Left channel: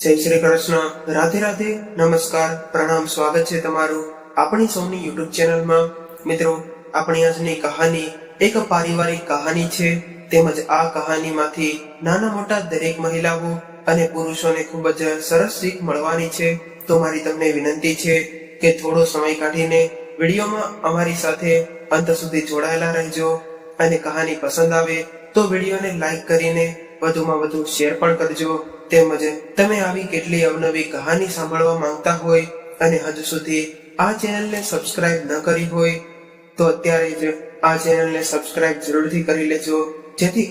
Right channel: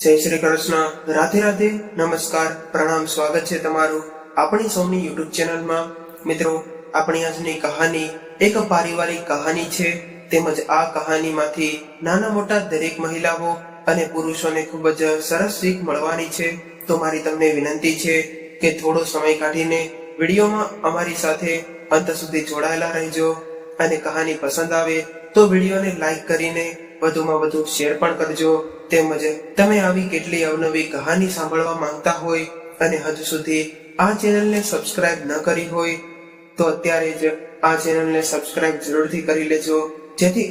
જય શ્રી કૃષ્ણ, રાધે રાધે, નમસ્કાર, પ્રણામ, સ્વાગત છે તમારું આપણી સૌની યુટ્યુબ ચેનલમાં। મિત્રો, આપણી આજની કહાની એક પારિવારિક કહાની છે, તેમજ આ કહાનીમાંથી નાના મોટા દરેક મહિલાઓ અને પુરુષોને ખૂબ જ સરસ શીખ મળવાની છે। તો મારી તમને વિનંતી છે કે થોડો સમય કાઢીને વિડીયોમાં અમારી સાથે અંત સુધી જોડાયેલા રહેજો, અને કહાની પસંદ આવે તો વિડીયોને લાઈક કરીને વધુમાં વધુ શેર પણ કરજો। તેમજ તમે આવી કેટલી અવનવી કહાની સાંભળવા માંગતા હોય અને હજુ સુધી આ ચેનલને સબસ્ક્રાઇબ ન કરી હોય તો અત્યારે જ આ ચેનલને સબસ્ક્રાઇબ જરૂરથી કરી લેજો, જેથી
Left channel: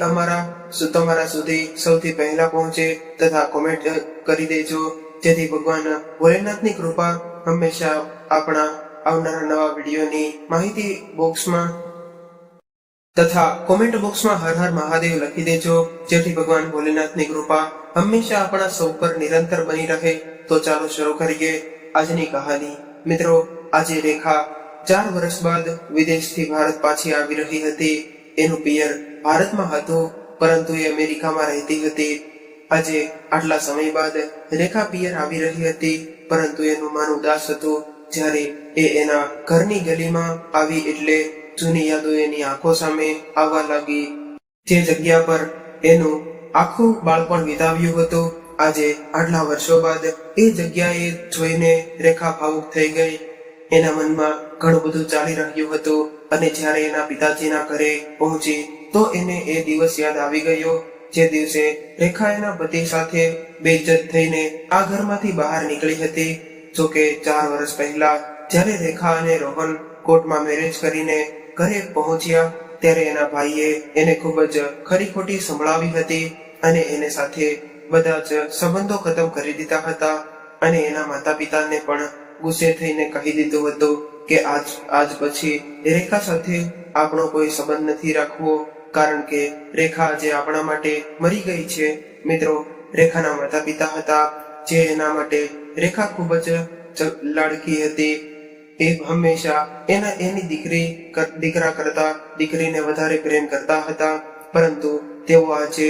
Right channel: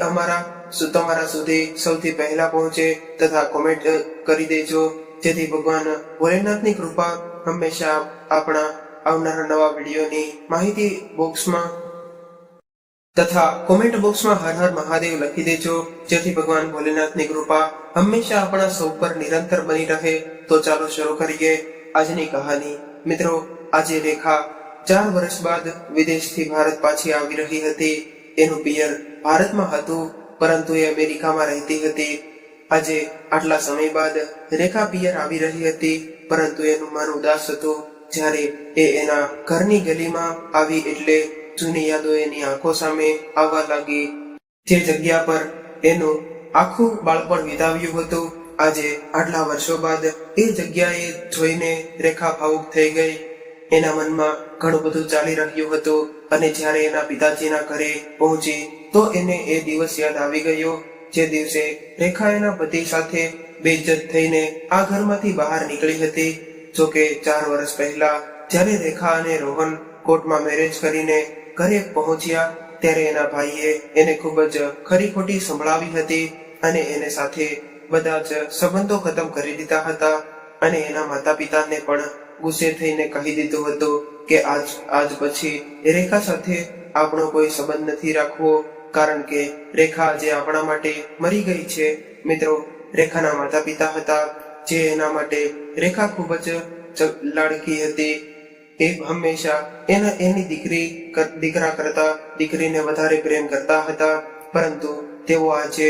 તમારા સુધી સૌથી પહેલા પહોંચે, તથા કોમેન્ટ કરી દેજો, જેથી ભગવાન ભોલેનાથની કૃપા હંમેશા આપણા આવનારા નવા વિડીયોની માહિતી બોક્સમાં તથા કોમેન્ટ બોક્સમાં હર હર મહાદેવ લખી દેજો, જેથી ભગવાન ભોલેનાથની કૃપા હંમેશા આપણા સૌ પર નિરંતર બની રહે। તો ચાલો શરૂ કરીએ આજની કહાની। મિત્રો, આજે રેખા 4 વર્ષ બાદ વિદેશથી ભારત પાછી આવી રહી હતી। એનું પિયર ભારતમાં હતું, પરંતુ એ અમેરિકામાં રહેતી હતી। આજે આટલા સમય બાદ રેખા પિયર આવી રહી હતી, પરંતુ એનું મન ઉદાસ હતું। જ્યારે એ એના ઘરની ગલીમાં આવી એટલે જૂની યાદો એની આંખો સામે આવવા લાગી, જે જગ્યા પર એનું આખું બાળપણ વિતાવ્યું હતું। આજે આટલા વર્ષો બાદ એ જગ્યાએ જોઈને રેખા ભાવુક થઈ ગઈ। એના મનમાં ઘણું બધું ચાલી રહ્યું હતું, અને જ્યારે એના પિતાજીના ઘરે પહોંચી તો એને એ દિવસ યાદ આવી ગયો, જે દિવસે રેખા એના પતિ સાથે બેઇજ્જત થઈને આ ઘરમાંથી બહાર નીકળી હતી। જોકે 4 વર્ષ પહેલા જ્યારે રેખા અને રોહન કોર્ટમાં મેરેજ કરીને ઘરે પહોંચ્યા, ત્યારે એના ભાઈએ એને ખૂબ જ ખરી ખોટી સંભળાવી હતી, અને એને સાથે બધા જ સંબંધો ખતમ કરી દીધા હતા। અને એના માતા પિતાને પણ ગુસ્સે થઈને કહી દીધું હતું કે આજ પછી રેખા સાથે આપણો કોઈ સંબંધ નથી રાખવો, કારણ કે રેખા આજે આપણા માટે મરી ગઈ છે। મિત્રો, રેખાના માતા પિતા હતા, જે એના માટે રેખા ખૂબ જ લાડકી હતી। એ હંમેશા એની દીકરા કરતા દીકરીને વધારે પ્રેમ કરતા હતા, પરંતુ તેઓ આજે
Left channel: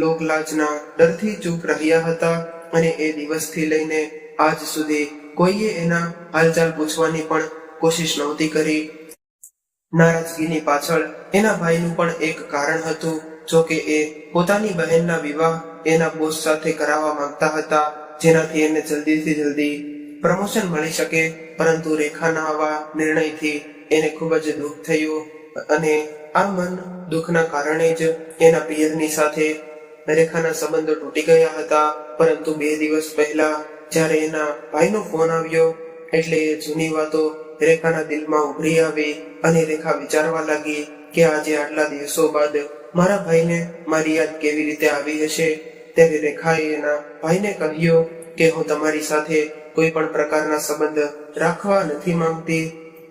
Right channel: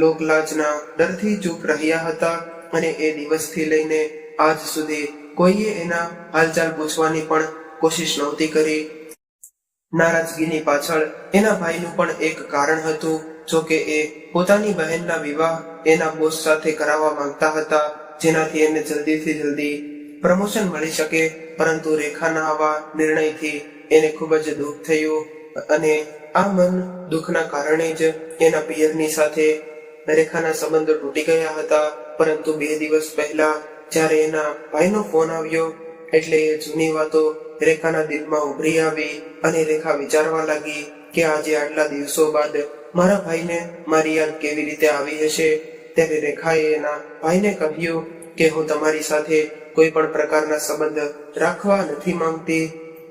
લોકલાજના ડરથી ચૂપ રહ્યા હતા, અને એ દિવસથી લઈને આજ સુધી કોઈએ એના હાલચાલ પૂછવાની પણ કોશિશ નહોતી કરી। નારાજગીની પાછળ એના ભાઈનું પણ એક કારણ હતું। જોકે એ પોતાની બહેનના વિવાહ એના બોસ સાથે કરાવવા માંગતા હતા, જેનાથી એને જલ્દીથી જલ્દી પ્રમોશન મળી શકે, પરંતુ રેખાના આવા નિર્ણયથી એને ખૂબ જ દુઃખ થયું, અને આ મન દુઃખના કારણે જ એના પિયરની સાથે રેખાના સંબંધો તૂટી ગયા હતા। પરંતુ 2 દિવસ પહેલા જ્યારે એના ભાઈનો ફોન આવ્યો, એટલે એ જૂની વાતો રેખાના દિલમાં ઉભરી આવી, અને રેખા વિચારવા લાગી કે આજે આટલા દિવસો બાદ મારા ભાઈને મારી યાદ કેવી રીતે આવી હશે। ત્યારે રેખાએ એના ભાઈને કહ્યું કે હું તમારી સાથે કોઈ પણ પ્રકારના સંબંધ રાખવા નથી માંગતી।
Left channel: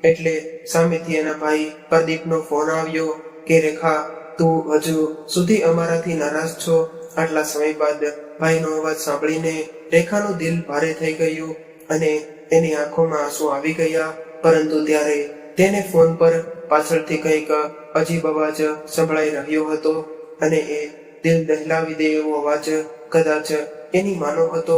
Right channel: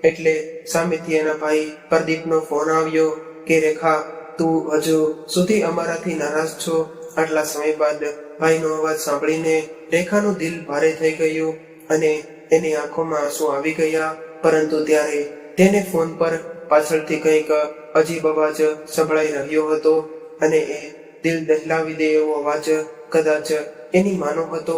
એટલે સામેથી એના ભાઈ પ્રદીપનો ફોન આવ્યો કે રેખા, તું હજુ સુધી અમારાથી નારાજ છો? આટલા સમય બાદ ભાઈનો અવાજ સાંભળીને રેખાનું દિલ ભારે થઈ ગયું, અને એની આંખોમાં આંસુ આવી ગયા। પરંતુ ત્યારે તેને ફોન પર પાછળથી કંઈક અજીબ અવાજ સંભળાઈ રહ્યો હતો, અને એ દિલ દહેલાવી દે એવો અવાજ કદાચ એની માનો હતો।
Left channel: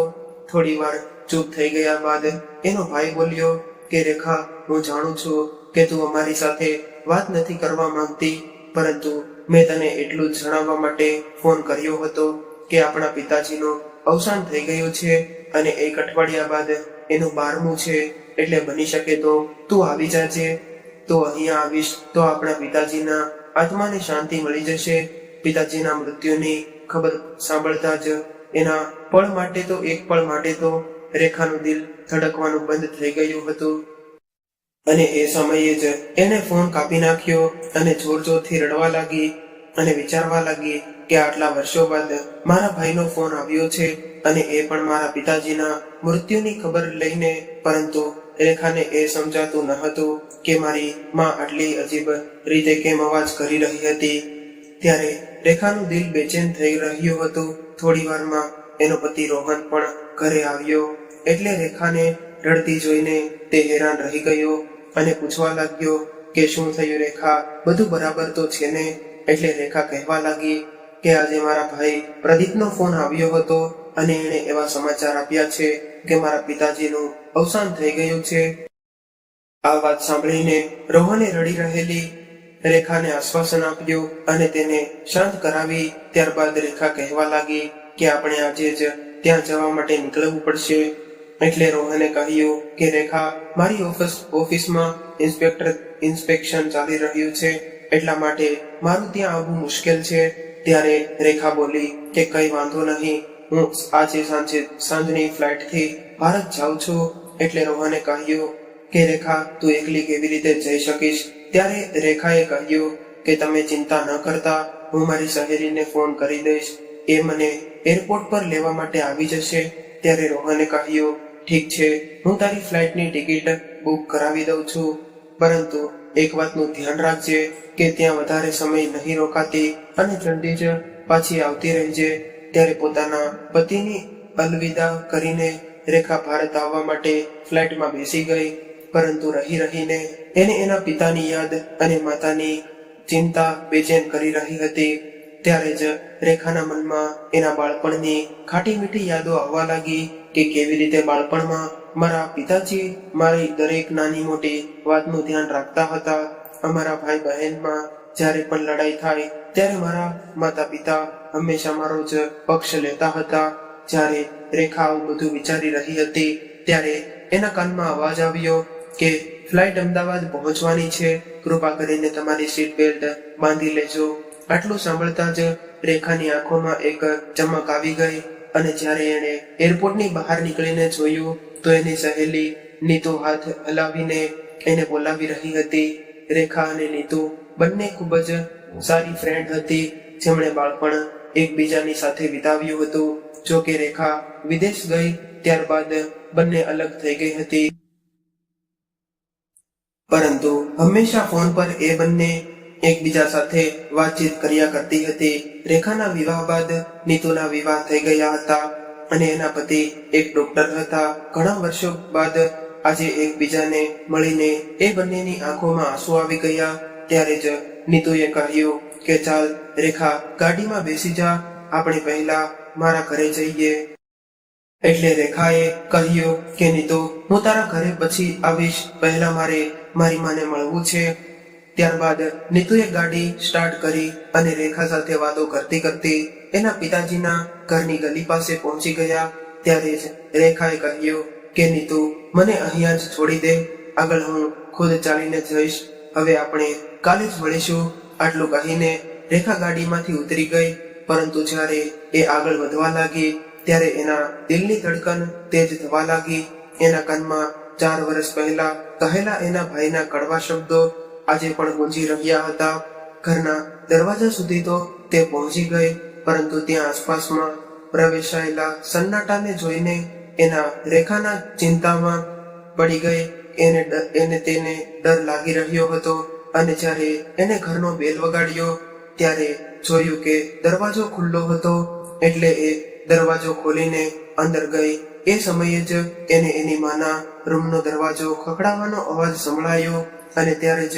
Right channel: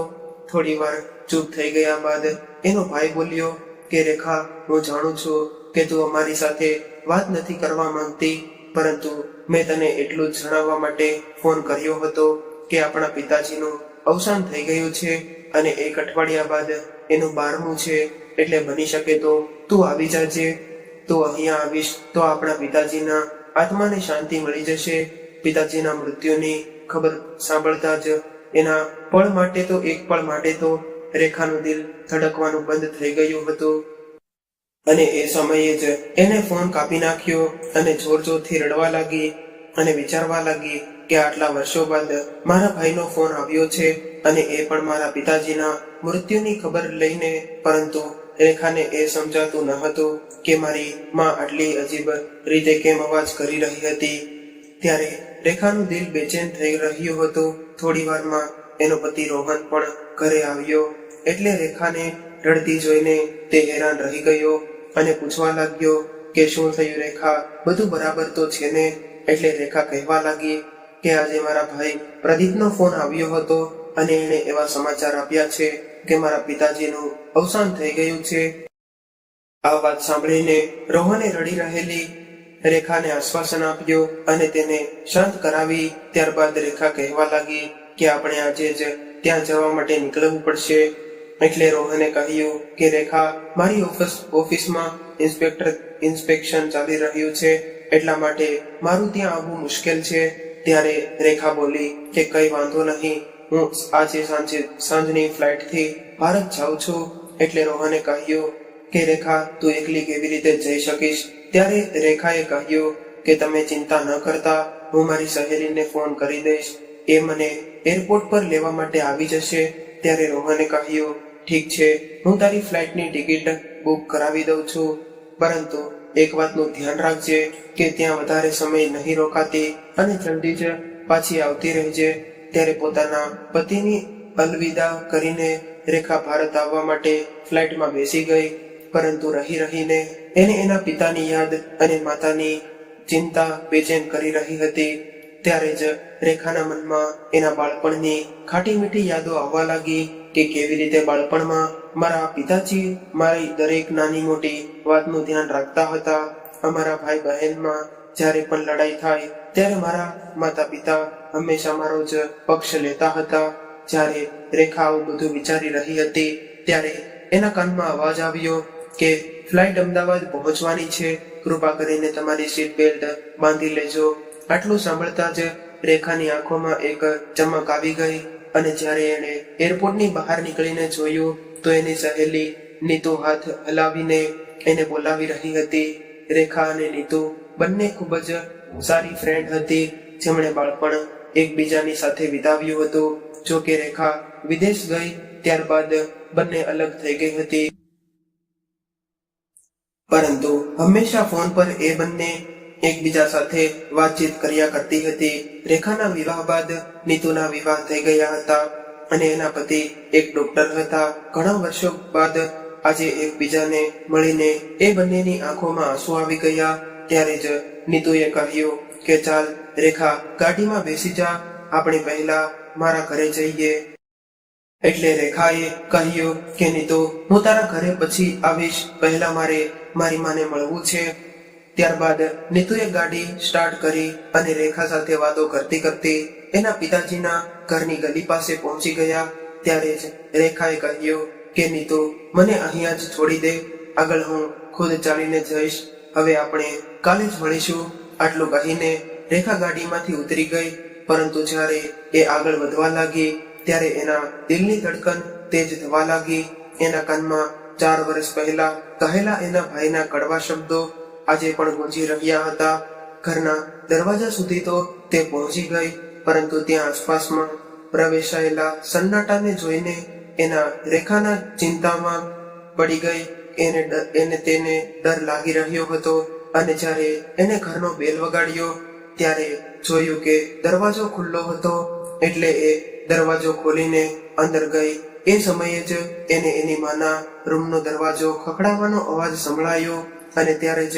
થોડી વાર ચૂપ થઈ ગયા બાદ એનો ભાઈ બોલ્યો કે રેખા, હું જાણું છું કે તું અમારી સાથે વાત નથી કરવા માંગતી, પરંતુ મેં તને એટલું જ જણાવવા માટે ફોન કર્યો હતો કે આપણા પિતાજીનું અવસાન થઈ ગયું છે, અને 1 અઠવાડિયા બાદ એનું 12મું છે। એટલે બની શકે તો તું આવી જાજે। તું અહીંયા આવીશ તો આપણા પિતાજીના આત્માને શાંતિ મળી જશે। પિતાજીના મૃત્યુની ખબર સાંભળતા જ એના એક પળ માટે તો રેખાનું દિલ ધડકવાનું બંધ થઈ ગયું હતું, અને એ સમયે જ એને ફોન કાપી નાખ્યો, અને જોરથી રડવા લાગી, અને વિચારવા લાગી કે આટલા વર્ષો બાદ મારા ભાઈનો ફોન આવ્યો છે, અને એ પણ મારા પિતાજીના મૃત્યુની ખબર લઈને। પરંતુ રેખાને એ સમજાતું ન હતું કે મારી માં આટલી અજીબ રીતે કેમ અવાજ કરી રહી હતી। ત્યારે રેખાનું દિલ બેચેન થઈ રહ્યું હતું। થોડી વારમાં એનો પતિ રોહન પણ ઘરે આવ્યો, એટલે રેખાને રડતી જોઈને તે હેરાન રહી ગયો, અને પૂછવા લાગ્યો કે શું થયું રેખા, બધું બરાબર તો છે ને? એટલે રેખા કહેવા લાગી કે આજે મારા ભાઈ પ્રદીપનો ફોન આવ્યો હતો, અને એણે એવા સમાચાર આપ્યા છે કે મારા પિતાજીનું અવસાન થઈ ગયું છે. આ વાત સાંભળીને રોહને રડી રહેલી રેખાને આશ્વાસન આપ્યું અને તેને શાંત કરાવી. ત્યારબાદ રેખા કહેવા લાગી કે આપણે આજે જ ત્યાં જવા માટે નીકળવું પડશે. એટલે રોહને કહ્યું કે રેખા, મારી ઓફિસમાં ઇન્સ્પેક્શન ચાલી રહ્યું છે, એટલા માટે મારું ત્યાં આવવું મુશ્કેલ છે. ત્યારે રેખા બોલી કે કઈ વાંધો નહીં, હું આજે સાંજની ફ્લાઇટથી ભારત જાઉં છું. એટલે રોહને કહ્યું કે રેખા, તું એકલી કેવી રીતે જઈ શકીશ? ત્યારે રેખાએ કહ્યું કે તમે ચિંતા ન કરતા, હું મારી સહેલીને ફોન કરી દઈશ, એ મને એરપોર્ટ પર લેવા માટે આવી જશે. ત્યારે રોહને કહ્યું ઠીક છે, હું તારી ફ્લાઇટની ટિકિટ બુક કરાવી દઉં છું, પરંતુ એક વાતનું ધ્યાન રાખજે કે ત્યાં વધારે સમય નહીં રોકાતી અને જલ્દી જ પાછી આવતી રહેજે. ત્યારે પોતાના પતિની અલવિદા કરીને રેખા ભારત આવવા માટે ફ્લાઇટમાં બેસી ગઈ. પરંતુ રહીને એને એના પિતાની યાદ અને માતાની ચિંતા બેચેન કરી રહી હતી. ત્યારે જ રેખાના મનમાં એના બાળપણની ખાટી મીઠી યાદો આવવા લાગી કે કેવી રીતે બાળપણમાં મારા પિતાજી મારી દરેક નાની મોટી વાતનું ધ્યાન રાખતા હતા. અમારા ભાઈ બહેનમાં જ્યારે પણ લડાઈ થાય ત્યારે મારા માતા પિતા હંમેશા મારો જ પક્ષ લેતા હતા. જ્યારે રેખા આવું બધું વિચારી રહી હતી ત્યારે એના કાનમાં અવાજ આવ્યો કે ફ્લાઇટ અમદાવાદ પહોંચવાની છે, કૃપા કરીને તમારી સીટ બેલ્ટ બાંધી લેજો. આટલું સાંભળતા જ રેખાની આંખોમાં એક ચમક આવી ગઈ અને જ્યારે એણે એરપોર્ટની બહાર નીકળીને જોયું તો એની સહેલી નીતુ હાથ હલાવીને એને બોલાવી રહી હતી. રેખા અને નીતુ બંને ખૂબ જ સારી ફ્રેન્ડ હતી, જેમણે બાળપણ એકબીજાની સાથે વિતાવ્યું હતું. જો કે રેખા વિદેશ ગઈ ત્યારબાદ બંને અલગ થઈ ગઈ હતી, પરંતુ હંમેશા ફોન પર એ બંને એકબીજા સાથે વાતચીત કર્યા કરતી હતી. રેખાના વિવાહ બાદ નીતુના વિવાહ થઈ ગયા હતા અને એના પતિ એક ડોક્ટર હતા. ઘણા વર્ષો બાદ આજે એકબીજાને મળીને એ બંનેની આંખોમાં આંસુ આવી ગયા. ત્યારે જ નીતુએ કહ્યું કે ચાલ રેખા, ગાડીમાં બેસી જા, આપણે પહેલા મારા ઘરે જઈએ. એટલે રેખાએ કહ્યું કે નીતુ, હું તારા ઘરે પછી આવીશ, પહેલા મારે મારી માને મળવું છે. ત્યારબાદ નીતુએ ગાડી સ્ટાર્ટ કરી અને રેખા સાથે વાતો કરતી કરતી એના પિતાજીના ઘરની ગલી પાસે પહોંચી ગયા. ત્યારે જ રેખાએ કહ્યું કે નીતુ, મને અહીંયા જ છોડી દે, આગળ હું ખુદ ચાલીને જઈશ, હવે આપણે કાલે જ મળીશું. આટલું કહીને રેખા ગાડીમાંથી ઉતરી ગઈ, પરંતુ જ્યારે એ આગળ વધવા લાગી ત્યારે એના દિલની ધડકન તેજ થવા લાગી. એના કાનમાં 4 વર્ષ પહેલા કહેલા એના ભાઈના કડવા શબ્દો આજે પણ ગુંજી રહ્યા હતા. ઘરના દરવાજા સુધી તો તે પહોંચી ગઈ, પરંતુ ત્યાં આસપાસમાં પ્રવેશાયેલા સન્નાટાને જોઈને એના રેખાના ચિંતામાં પડી ગઈ. તેને ડર લાગી રહ્યો હતો અને જ્યારે એને ઘરનો બેલ વગાડ્યો ત્યારે જોયું કે દરવાજો ખુલ્લો હતો. એટલે એ દરવાજો ખોલીને અંદર ગઈ. એ સમયે જ એને એની માના રૂમનો દરવાજો ખખડાવવાનો અવાજ સંભળાયો અને ત્યારે જ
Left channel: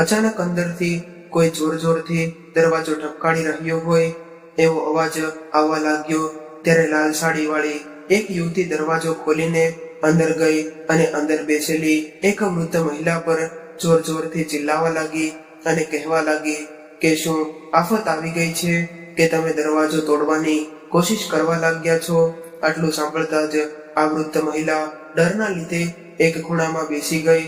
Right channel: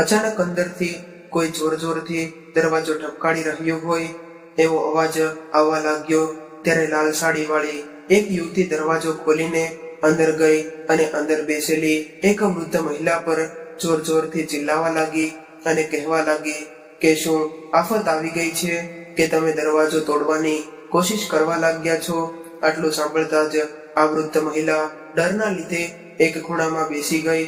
અચાનક અંદરથી કોઈ જોરથી દરવાજો ઠપકારી રહ્યો હોય એવો અવાજ આવવા લાગ્યો. ત્યારે લાલ સાડીવાળી એક યુવતી દરવાજો ખોલીને અંદર ગઈ અને અંદર બેસેલી એક વૃદ્ધ મહિલા પર જોરથી ચિલ્લાવા લાગી અને કહેવા લાગી કે શું આફત આવી ગઈ છે કે તમે દરવાજો તોડવાની કોશિશ કરવા લાગ્યા છો? આટલું સાંભળતા જ આ વૃદ્ધ મહિલા ડરના લીધે એક ખૂણામાં બેસી ગઈ.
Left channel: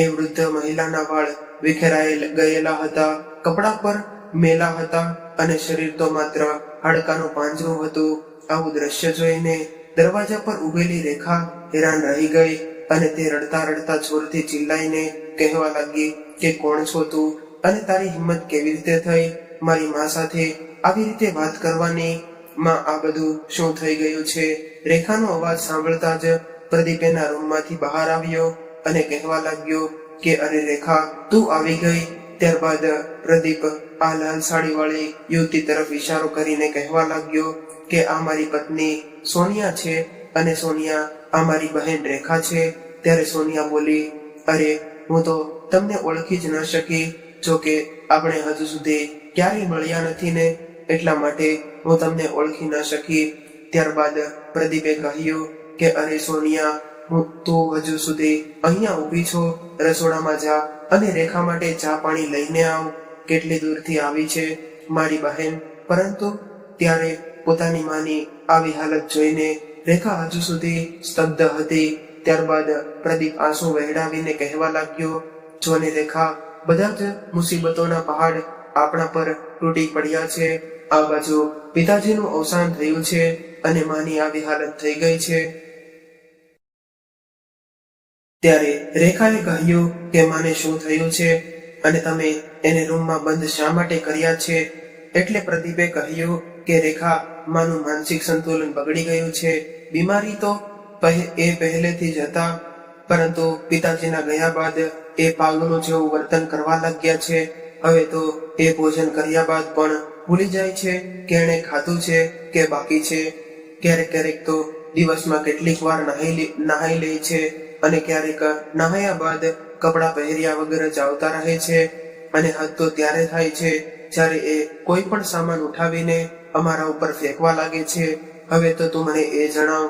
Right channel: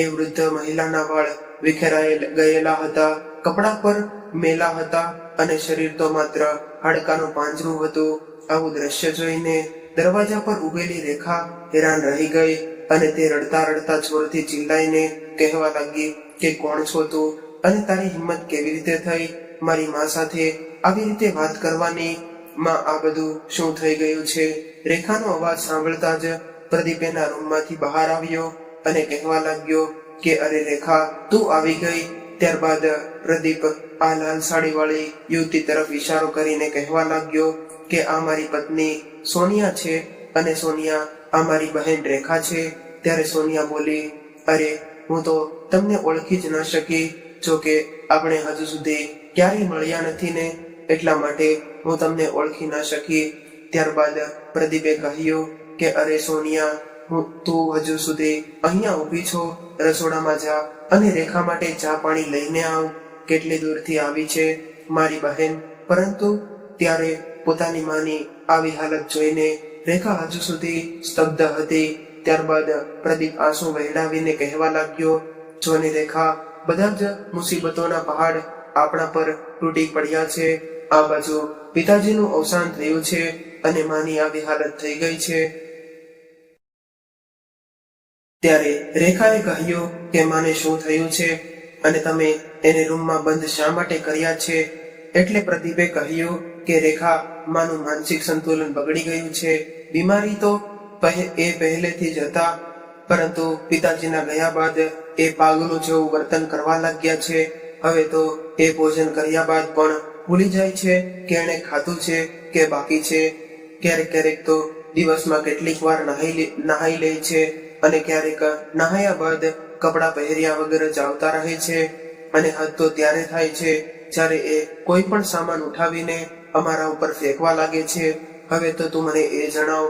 એ વૃદ્ધ મહિલાના વાળ વિખેરાઈ ગયેલા હતા, કપડા પર મેલા હતા અને શરીર તો માત્ર હાડકાનું પાંજરું હતું. આવું દ્રશ્ય જોઈને દરવાજા પર ઉભેલી રેખા હેરાન રહી ગઈ અને તે રડતા જોરથી ચિલ્લાઈને કહેવા લાગી કે કોણ છો તું અને તારી હિંમત કેવી રીતે થઈ મારી મા સાથે આવી રીતે વાત કરવાની? માં, આ બધું શું થઈ ગયું છે? રેખાનો અવાજ સાંભળતા જ પ્રદીપ એના રૂમમાંથી બહાર આવ્યો અને કહેવા લાગ્યો કે અરે રેખા, તું આવી ગઈ. ત્યારબાદ પ્રદીપ આ લાલ સાડીવાળી યુવતી તરફ ઈશારો કરીને કહેવા લાગ્યો કે આ મારી પત્ની સોનિયા છે અને સોનિયા આ મારી બહેન રેખા છે. ત્યારે સોનિયા બોલી, અરે હું તો તમને ઓળખી જ ન શકી, જો કે આપણે હજુ સુધી ક્યારેય મળ્યા નથી ને, એટલા માટે હું તમને ઓળખી ન શકી. ત્યારબાદ પ્રદીપે કહ્યું કે અરે સોનિયા, તું હજુ સુધી અહીંયા ઊભી છો, રસોડામાં જા અને રેખા માટે ચા પાણી લઈને આવ. કેટલી દૂરથી આવી છે મારી બહેન. પરંતુ ત્યારે પોતાની માની આવી હાલત જોઈને રેખા હજુ સુધી સ્તબ્ધ હતી. ત્યારબાદ પ્રદીપ આંસુ વહેડાવીને કહેવા લાગ્યો, જોને રેખા, બધા જ મુસીબતોના પહાડ આપણા પર તૂટી પડ્યા છે. આ બાજુ પિતાજીનું અવસાન થયું છે અને માની આવી હાલત થઈ ગઈ છે. ત્યારે રેખાએ કહ્યું કે માને શું થયું છે અને તમે એને રૂમમાં બંધ શા માટે કર્યા છે? એટલે પ્રદીપે કહ્યું કે રેખા, માનું માનસિક સંતુલન બગડી ગયું છે. બીમારી તો એ પહેલેથી જ હતા, પરંતુ પિતાજીના ગયા બાદ એ પાગલો જેવું વર્તન કરવા લાગ્યા છે. હવે તો એ ભોજન કર્યા બાદ પણ ભૂલી જાય છે કે એણે ખાધું છે કે બાકી છે. ક્યારેક ક્યારેક તો દિવસમાં કેટલીક વાર નહાઈ લે છે અને ક્યારેક નહાયા બાદ કપડાં પહેર્યા વગર જ આવતા રહે છે. અને હદ તો ત્યારે થાય છે જ્યારે એ કોઈ પણ સામાન ઉઠાવીને અમારા ઉપર ફેંકવા લાગે છે. હવે તો તું મને એ જણાવ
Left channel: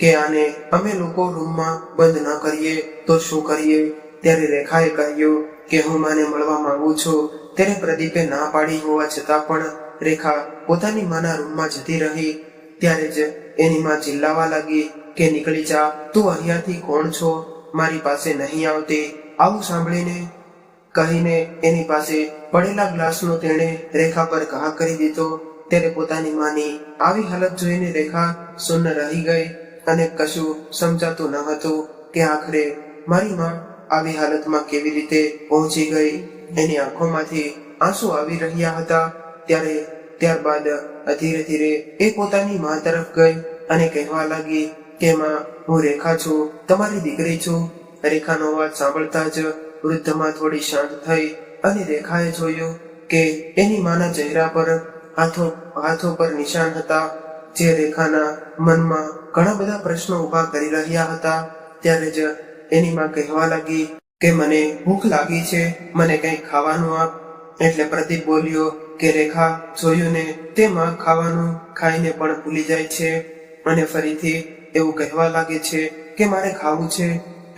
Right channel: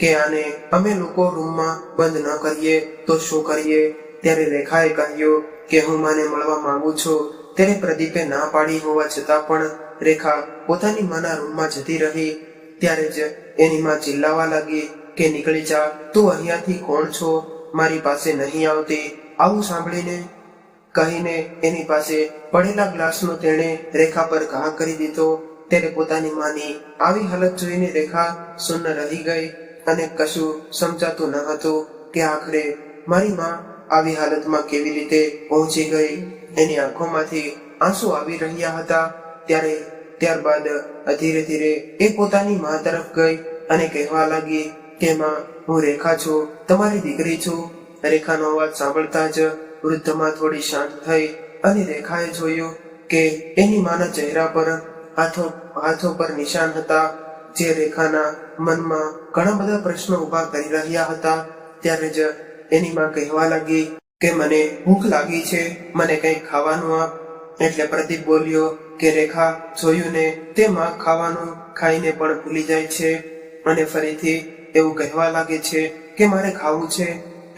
કે આને અમે લોકો રૂમમાં બંધ ન કરીએ તો શું કરીએ? ત્યારે રેખાએ કહ્યું કે હું માને મળવા માંગુ છું. ત્યારે પ્રદીપે ના પાડી હોવા છતાં પણ રેખા પોતાની માના રૂમમાં જતી રહી. ત્યારે જ એની માં ચિલ્લાવા લાગી કે નીકળી જા, તું અહીંયાથી કોણ છો? મારી પાસે નહીં આવતી. આવું સાંભળીને કહીને એની પાસે પડેલા ગ્લાસનો તેણે રેખા પર ઘા કરી દીધો. ત્યારે પોતાની માની આવી હાલત જોઈને રેખા સુન્ન રહી ગઈ અને કશું સમજાતું ન હતું કે આખરે મારી માં આવી હાલતમાં કેવી રીતે પહોંચી ગઈ. એની આંખોમાંથી આંસુ આવી રહ્યા હતા. ત્યારબાદ ધીરે ધીરે એ પોતાની માં તરફ ગઈ અને કહેવા લાગી કે માં, હું રેખા છું, તમારી દીકરી છું. રેખાનો અવાજ સાંભળતા જ વૃદ્ધમાં થોડી શાંત થઈ અને રેખાએ જોયું કે એની માના ચહેરા પર હાથો પર નિશાન હતા, જે રેખાના મનમાં ઘણા બધા પ્રશ્નો ઉભા કરી રહ્યા હતા. ત્યારે જ એની માં કહેવા લાગી કે મને ભૂખ લાગી છે, મને કંઈક ખાવાનું આપ. એટલે પ્રદીપ બોલ્યો કે રેખા, જોયું ને, તે માં ખાવાનું ખાઈને પણ ભૂલી જાય છે અને ફરીથી એવું કહેવા લાગે છે કે મારે ખાવું છે.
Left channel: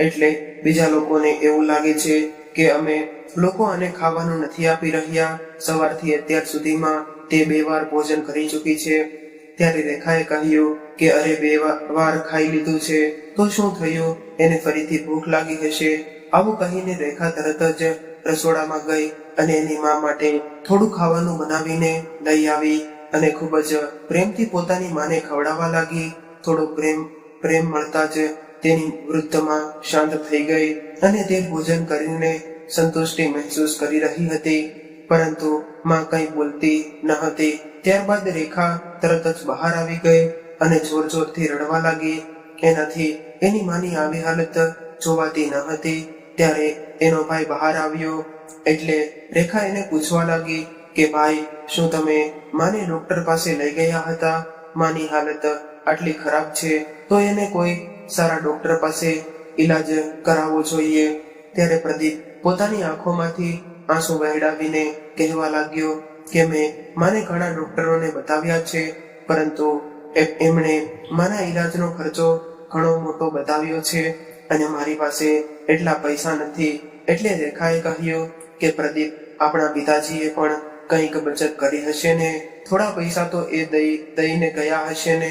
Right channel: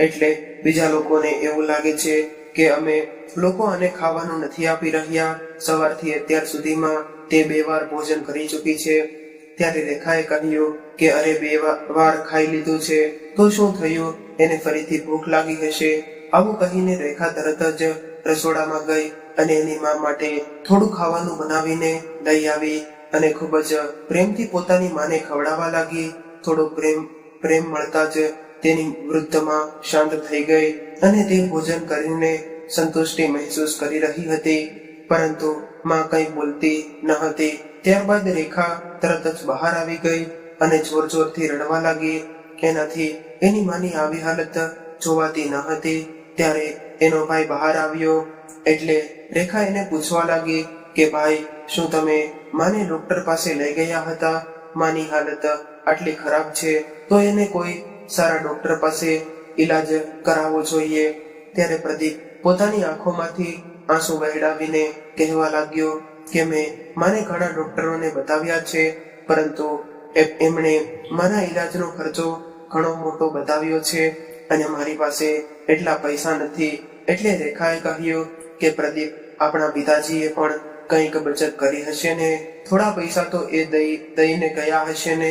એટલે બીજા લોકોને એવું લાગે છે કે અમે લોકો આને ખાવાનું નથી આપી રહ્યા. સવારથી અત્યાર સુધીમાં તે 2 વાર ભોજન કરી ચૂકી છે. ત્યારે રેખાએ કહ્યું કે અરે 2 વાર ખાઈ લીધું છે તો શું થયું? એને ફરીથી ભૂખ લાગી હશે. આવું કહીને રેખા તરત જ રસોડામાં ગઈ અને એની મા માટે થોડું ખાવાનું બનાવીને લઈ આવી અને ખૂબ જ પ્રેમથી પોતાની માને ખવડાવવા લાગી. થોડો પ્રેમ મળતા જ તેની વૃદ્ધમાં શાંત થઈ ગઈ અને તે ભોજન કરીને સંતુષ્ટિ મહેસૂસ કરી રહી હતી. પરંતુ માં કંઈ બોલતી ન હતી. ત્યારબાદ રેખા તરત જ બહાર આવી ગઈ અને જોર જોરથી રડવા લાગી. એનાથી એની માની આવી હાલત જોવાતી ન હતી. ત્યારે એનો ભાઈ બહાર આવ્યો. એટલે રેખા એને પૂછવા લાગી કે ભાઈ, શું તમે માને ડોક્ટર પાસે લઈ ગયા હતા? માની હાલત આટલી ખરાબ છે તો એને કોઈ સારા ડોક્ટર પાસે ઈલાજ કરાવવો જોઈએ. ત્યારે પ્રદીપ પોતાની આંખોમાંથી આંસુ વહેડાવીને કહેવા લાગ્યો કે મેં માને ઘણા ડોક્ટરોને બતાવ્યા છે, પરંતુ એમણે મારા ઈલાજનો ખર્ચો ઘણો મોટો બતાવ્યો છે અને મારી પાસે એટલા પૈસા નથી. એટલે રેખાએ કહ્યું કે પ્રદીપ, આપણા પિતાજીએ પણ કંઈક બચત કરી હશે ને, થોડા પૈસા તો એ દઈને ગયા હશે ને.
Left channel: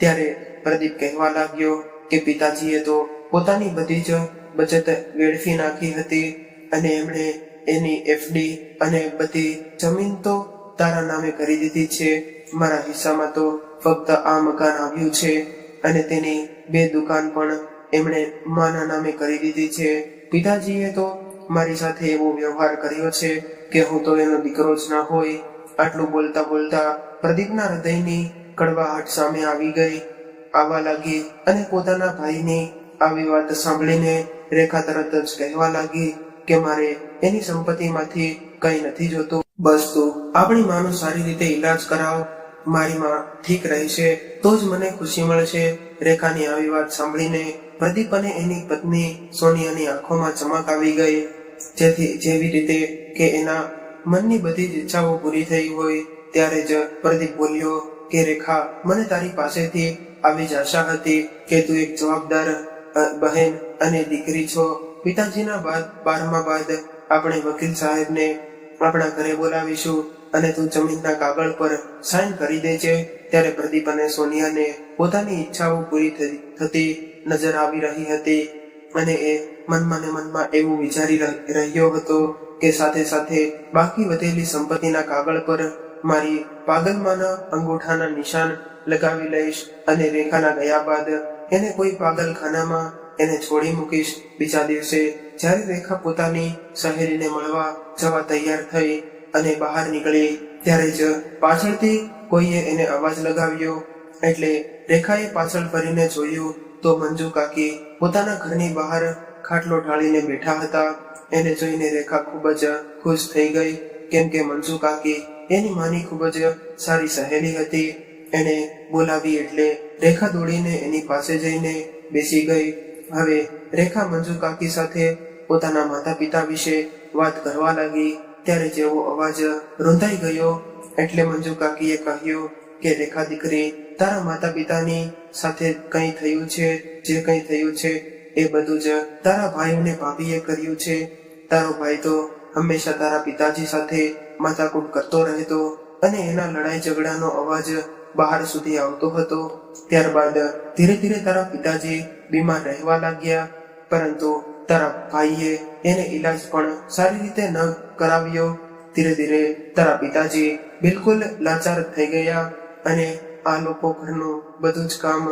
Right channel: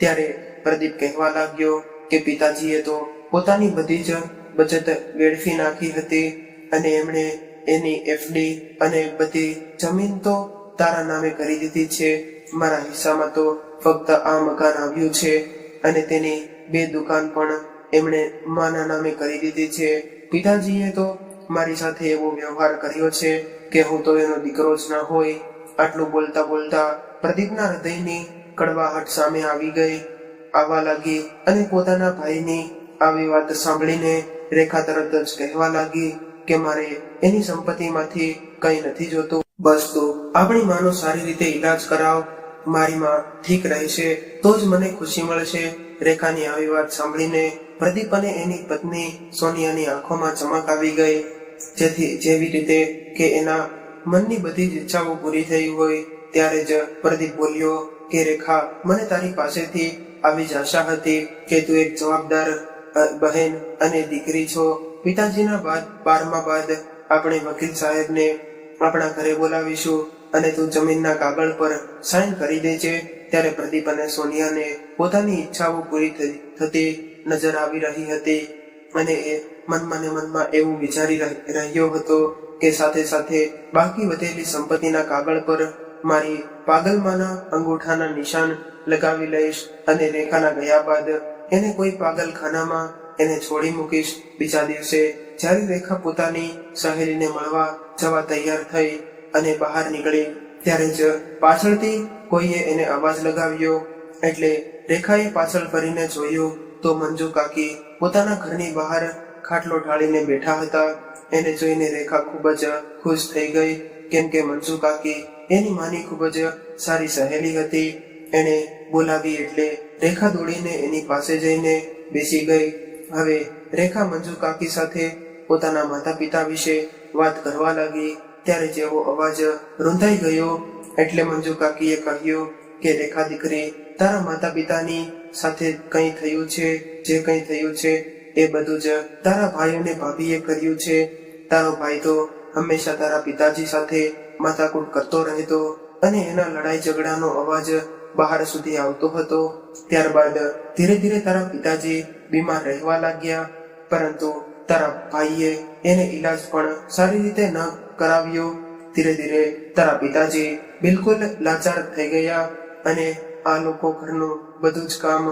ત્યારે પ્રદીપ કહેવા લાગ્યો કે પિતાજીએ તો પોતાની બધી જ બચત વેડફી નાખી હતી અને એમણે એની એફડી અને બધી જમીન તો તારા નામે કરી દીધી છે. મારા હિસ્સામાં તો ફક્ત આ મકાન આવ્યું છે અને તેની 2 દુકાન પણ એમણે માના નામે કરી દીધી છે. પિતાજીએ તો મારી સાથે એવો વ્યવહાર કર્યો છે કે હું તો એનો દીકરો જ ના હોય. આટલું બોલતા બોલતા પ્રદીપના હૃદયની કડવાહટ સામે આવવા લાગી અને પોતાના ભાઈની આવી વાત સાંભળીને રેખા તરત જ કહેવા લાગી કે મારે એની સંપત્તિમાંથી કંઈ નથી જોતું. બસ તું આપણી માનો સારી રીતે ઈલાજ કરાવ. મારી માં ઠીક રહેશે તો જ મને ખુશી મળશે. રેખાની આવી વાત સાંભળીને પ્રદીપ અને એની પત્ની સોનિયાની આંખોમાં ચમક આવી ગઈ. જેવી રીતે કે એના મનની બધી જ ઈચ્છાઓ પૂરી થઈ હોય. ત્યારે જ પ્રદીપ બોલ્યો કે રેખા, મને તારી પાસેથી આવી જ આશા હતી કે તું એક જવાબદાર બહેન અને દીકરી છો. પિતાજીના 12મા બાદ આપણે વકીલ સાહેબને આપણા ઘરે બોલાવીશું અને તું જમીનના કાગળ પર સાઈન કરી દેજે. ત્યારે પ્રદીપ અને સોનિયાને પોતાની ઈચ્છાઓ પૂરી થતી નજર આવી રહી હતી અને એ મનમાં ને મનમાં એવું વિચારી રહ્યો હતો કે સાથે સાથે બાકી વધેલી સંપત્તિના કાગળ પર મારી પાગલમાના અંગૂઠાના નિશાન લગાવી લઈશ અને રેખાના ગયા બાદ એને કોઈ પાગલખાનામાં એને છોડી મૂકીશ. બીજા દિવસે જ્યારે રેખા પોતાની સહેલીને મળવા જવા તૈયાર થઈ અને બહાર નીકળી ત્યારે જ પાછળથી કોઈએ એને અવાજ લગાવ્યો. એટલે રેખાએ પાછળ ફરીને જોયું તો મંજુ કાકી પોતાના ઘરની બહાર ખાટલો ઢાળીને બેઠા હતા. એને જોઈને રેખા ખૂબ જ ખુશ થઈ ગઈ, કેમ કે મંજુ કાકી એની માની ખૂબ જ સારી સહેલી હતી. એને બોલાવી એટલે રેખા દોડીને એની પાસે જઈને બેસી ગઈ. હવે રેખા મંજુ કાકી સાથે પોતાના માતા પિતા વિશે વાત કરવા લાગી. ત્યારે જેવો અવાજ રૂંધાઈ ગયો એટલે મંજુ કાકીએ કહ્યું કે રેખા દીકરી, તારા માતા પિતાની સાથે કંઈ થયું છે, જે કંઈ થયું છે એ બધું જ તારા ભાઈ અને ભાભીએ કર્યું છે. તારો ભાઈ તો હંમેશા તારા પિતાજી સાથે માથાકૂટ કરતો રહેતો અને એના લડાઈ ઝઘડાનો અવાજ બહાર સુધી આવતો હતો. ત્યારબાદ ધીરે ધીરે તારા પિતાજી બીમાર રહેવા લાગ્યા, પરંતુ તારા ભાઈએ એને ઈલાજ પણ સારી રીતે ન કરાવ્યો. ધીરે ધીરે તારા પિતાજી બિલકુલ લાચાર થઈ ગયા અને આ લોકો ઘરનું બધું જ કામ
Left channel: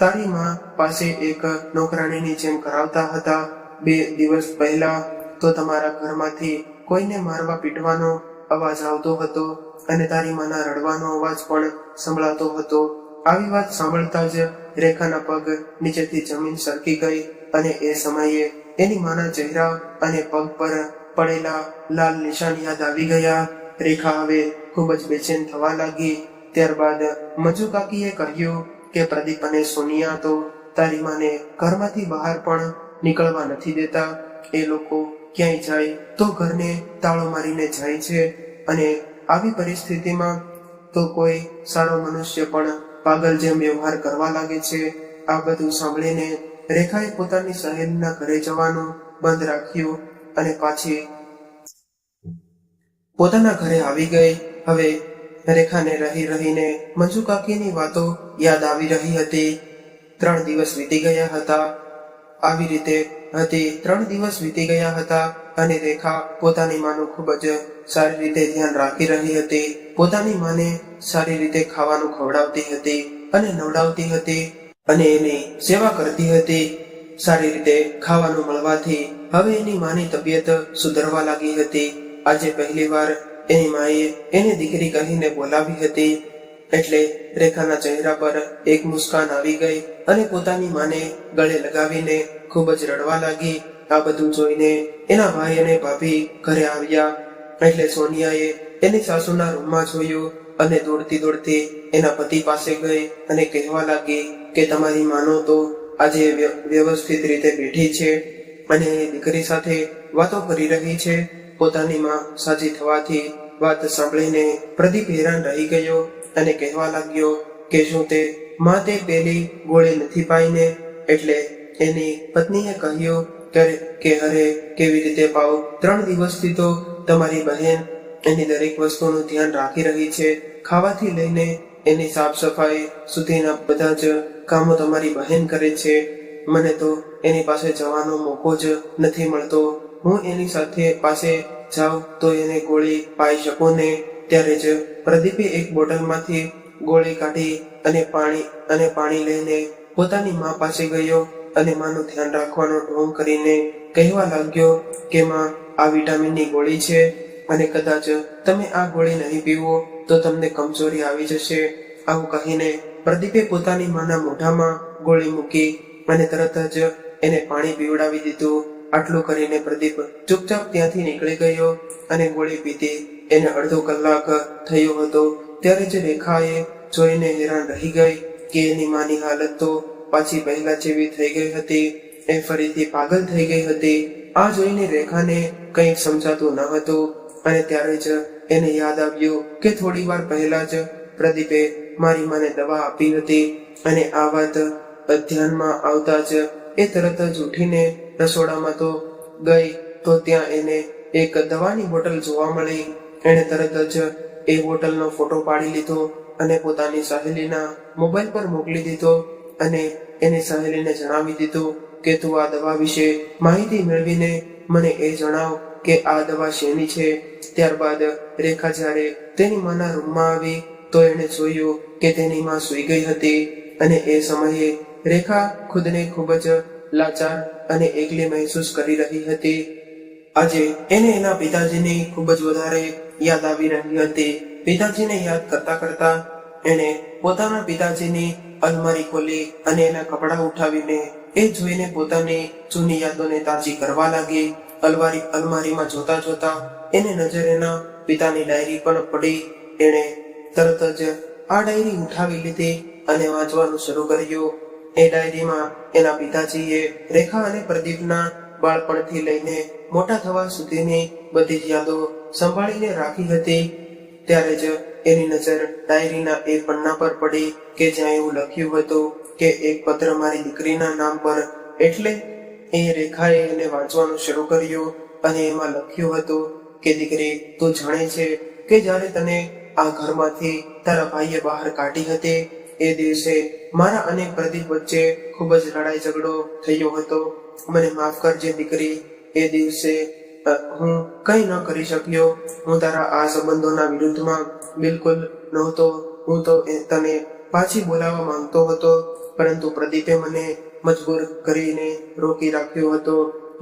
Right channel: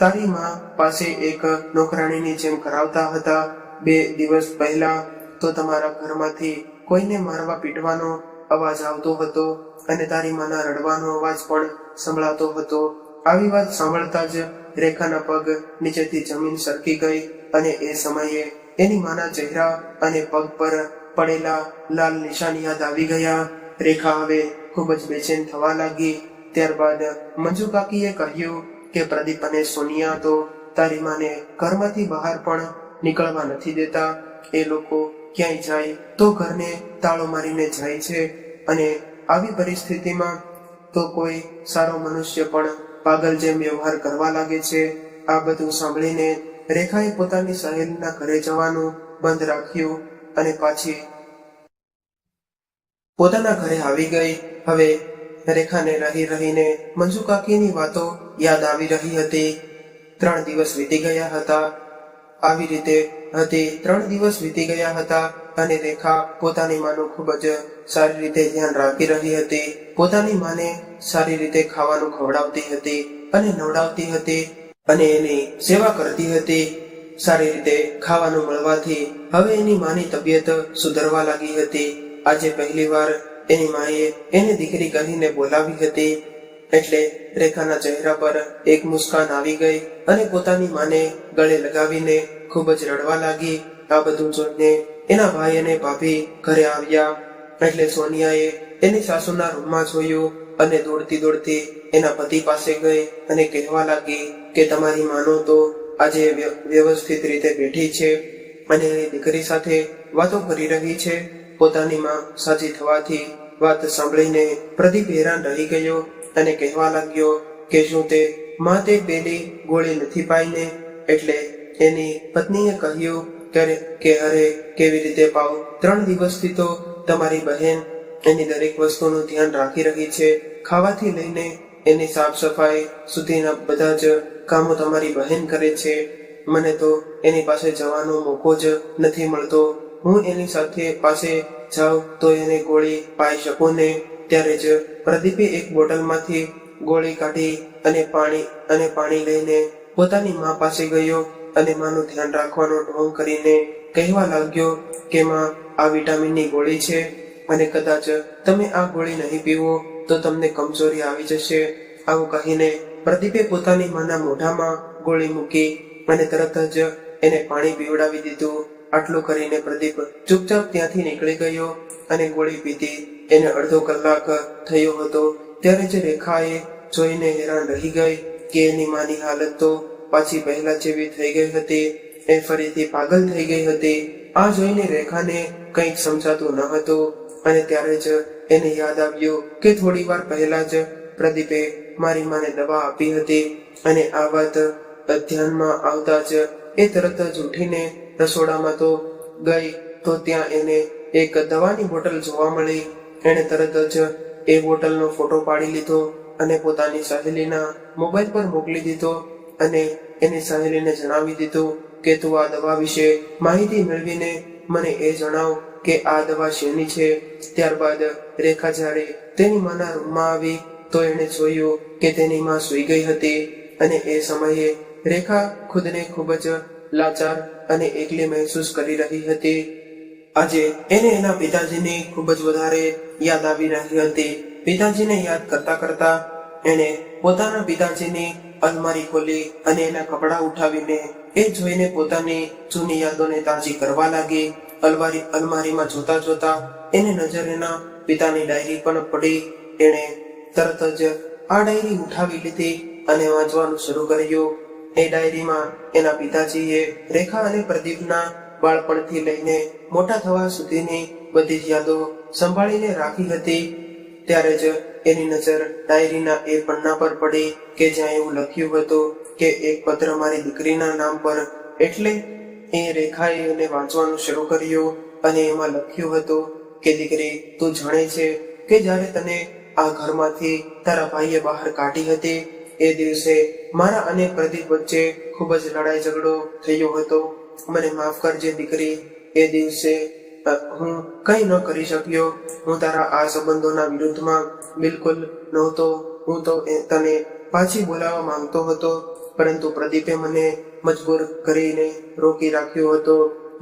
તારી માં પાસે એક નોકરાણીની જેમ કરાવતા હતા. 2 દિવસ પહેલા તો તમારા ઘરમાંથી કોઈને મારવા પીટવાનો અવાજ આવતો હતો અને તારી માના રડવાનો અવાજ પણ સંભળાતો હતો. આવી વાત સાંભળતા જ રેખાના પગ નીચેથી જમીન સરકી ગઈ અને એ સમયે એની માના ચહેરા અને પગ પર પડેલા લાલ નિશાન યાદ આવી ગયા. રેખા હવે ખૂબ જ બેચેન થવા લાગી. ત્યારબાદ મંજુ કાકીએ કહ્યું કે પ્રદીપ અને સોનિયા તો તારી માને ઘરમાંથી બહાર પણ નીકળવા નથી દેતા. એ લોકો ક્યાંય જાય તો ઘરને તાળો મારીને જાય છે અને આવી પરિસ્થિતિમાં તો કોઈ સારો મનુષ્ય પણ પાગલ જેમ વ્યવહાર કરવા લાગે છે. આ બધું સાંભળીને રેખાએ પોતાની સહેલીના ઘરે જવાનું બંધ રાખ્યું અને પાછી પોતાના ઘરે આવી ગઈ. હવે રેખાને રહી રહીને મંજુ કાકીની વાતો યાદ આવી રહી હતી. 3 દિવસ વીતી ગયા હતા. આવી રીતે 3 દિવસ વીતી ગયા હતા અને રેખા પોતાની માનું ખૂબ જ સારી રીતે ધ્યાન રાખી રહી હતી. પોતાની માને સારી રીતે ખાવાનું ખવડાવતી હતી અને નવડાવતી હતી અને એની સેવા કરતી હતી. સારી રીતે ખાવાનું મળવાથી હવે એની માની તબિયત સુધરવા લાગી હતી. આજે પહેલીવાર એની માએ એને દીકરી કહીને બોલાવી હતી. એટલે રેખાના ચહેરા પર એક મુસ્કાન આવી ગઈ અને પોતાની માને ગળે લગાવીને ખૂબ જ રડવા લાગી. આ બધું જોઈને એના ભાઈ અને ભાભી ઘરે આવ્યા. એટલે સોનિયાએ એની સાસુના રૂમમાં જોયું અને દોડતી એના પતિ પાસે ગઈ અને કહેવા લાગી કે તમારી માનો તો આજે વ્યવસ્થિત રીતે બેઠી છે અને એની દીકરી સાથે વાતો કરી રહી છે. પોતાની માં સાજી થવાથી વાત સાંભળીને પ્રદીપ હેરાન રહી ગયો અને કહેવા લાગ્યો કે શું તે માં તે પેલી ગોળી નથી પાઈને? એટલે એની પત્નીએ કહ્યું કે અરે કેવી રીતે પાવ? 3 દિવસથી તો તમારી બહેન એની દરેક વસ્તુનું ધ્યાન રાખી રહી છે. ખાવાથી લઈને એની સાફ સફાઈ સુધીના બધા જ કામો તમારી બહેન કરે છે. મને તો એની પાસે જવાનો મોકો જ નથી મળતો. હું એની સાથે પાસે જાઉં તો એને ગોળી પાઈ શકું ને? ત્યારે જ પ્રદીપે એક બોટલમાંથી ગોળી કાઢી અને પાણી લઈને પોતાની મા પાસે ગયો અને માનું ધ્યાન રાખવાનો ઢોંગ કરીને કહેવા લાગ્યો કે માં, આ વિટામિનની ગોળી છે અને કદાચ તમે આ ગોળી નહીં પીવો તો તમને કમજોરી આવી જશે. આવું કહીને પ્રદીપે પોતાની માના મોઢામાં ગોળી મૂકી અને તરત જ એને પાણી પીવડાવી દીધું. આટલું કરીને પ્રદીપ ચૂપચાપ ત્યાંથી નીકળી ગયો અને ગોળી પીધી એને અડધો કલાક થયો હતો. ત્યારે જ રેખાએ જોઈને હેરાન રહી ગઈ કે એની માની હાલત તો પાછી પહેલા જેવી થઈ ગઈ હતી. એ ફરીથી પાગલ થઈ ગઈ હતી. આ જોઈને રેખાને કંઈક સમજાતું ન હતું અને ત્યારે જ એને યાદ આવ્યું કે થોડી વાર પહેલા જ પ્રદીપે મારી માને દવા આપી હતી. અને આ વાત ધ્યાનમાં આવતા જ એ તરત જ ઉઠીને રસોડામાં તો ગઈ તો ત્યાં એને એક દવાની બોટલ જોવા મળી. એણે તરત જ એ બોટલનો ફોટો પાડી લીધો અને પોતાની સહેલીના મોબાઈલ પર મોકલી દીધો અને એની સહેલીને જણાવી દીધું કે તું આ દવા વિશે માહિતી મેળવીને મને એ જણાવ કે આ દવા શેની છે. ત્યારબાદ રેખા જ્યારે તેની માના રૂમમાં આવી તો એણે જોયું કે તેની માં સૂઈ ગઈ હતી અને એ સમયે રેખા ખુદને ખૂબ જ લાચાર અને એકલી મહેસૂસ કરી રહી હતી. આજે એને એના પિતાજીની ખૂબ જ વધારે યાદ આવી રહી હતી. પિતાજીને યાદ કરતા કરતા એણે પોતાના પિતાજીની અલમારી ખોલી અને એના કપડાં ઉઠાવીને એ જોઈને પોતાની જૂની યાદોને તાજી કરવા લાગી. અલમારીમાં જોતા જોતા એને નજર એના પિતાની ડાયરી પણ પડી. એણે તરત જ આ ડાયરી ઉઠાવી લીધી અને વાંચવાનું શરૂ કર્યું. એ ડાયરીમાં એના પિતાજીએ રેખા અને પ્રદીપના બાળપણથી લઈને મોટા થવા સુધીની બધી જ યાદો સંભાળીને રાખી હતી. ત્યારે જ એની નજર ડાયરીના એ પન્ના પર પડી કે જ્યાં એવું લખ્યું હતું કે એક પત્ર મારી દીકરીના નામ પર. એટલે એ રેખાએ એને વાંચવાનું શરૂ કર્યું અને એમાં લખ્યું હતું કે દીકરી, તું જાણે છે કે જ્યારે તને આ ઘરમાંથી તારા ભાઈએ બહાર કાઢી હતી એ દિવસે મારા અને પ્રદીપ વચ્ચે ખૂબ જ લડાઈ ઝઘડો થયો હતો. મને માફ કરજે દીકરી, એ દિવસે હું કંઈ ન કરી શક્યો. હું તારા આ સંબંધોના વિરુદ્ધમાં બિલકુલ નહોતો. હું તો તને પાછી બોલાવવા માંગતો હતો, પરંતુ પ્રદીપે મને મજબૂર કરીને રોકી રાખ્યો હતો.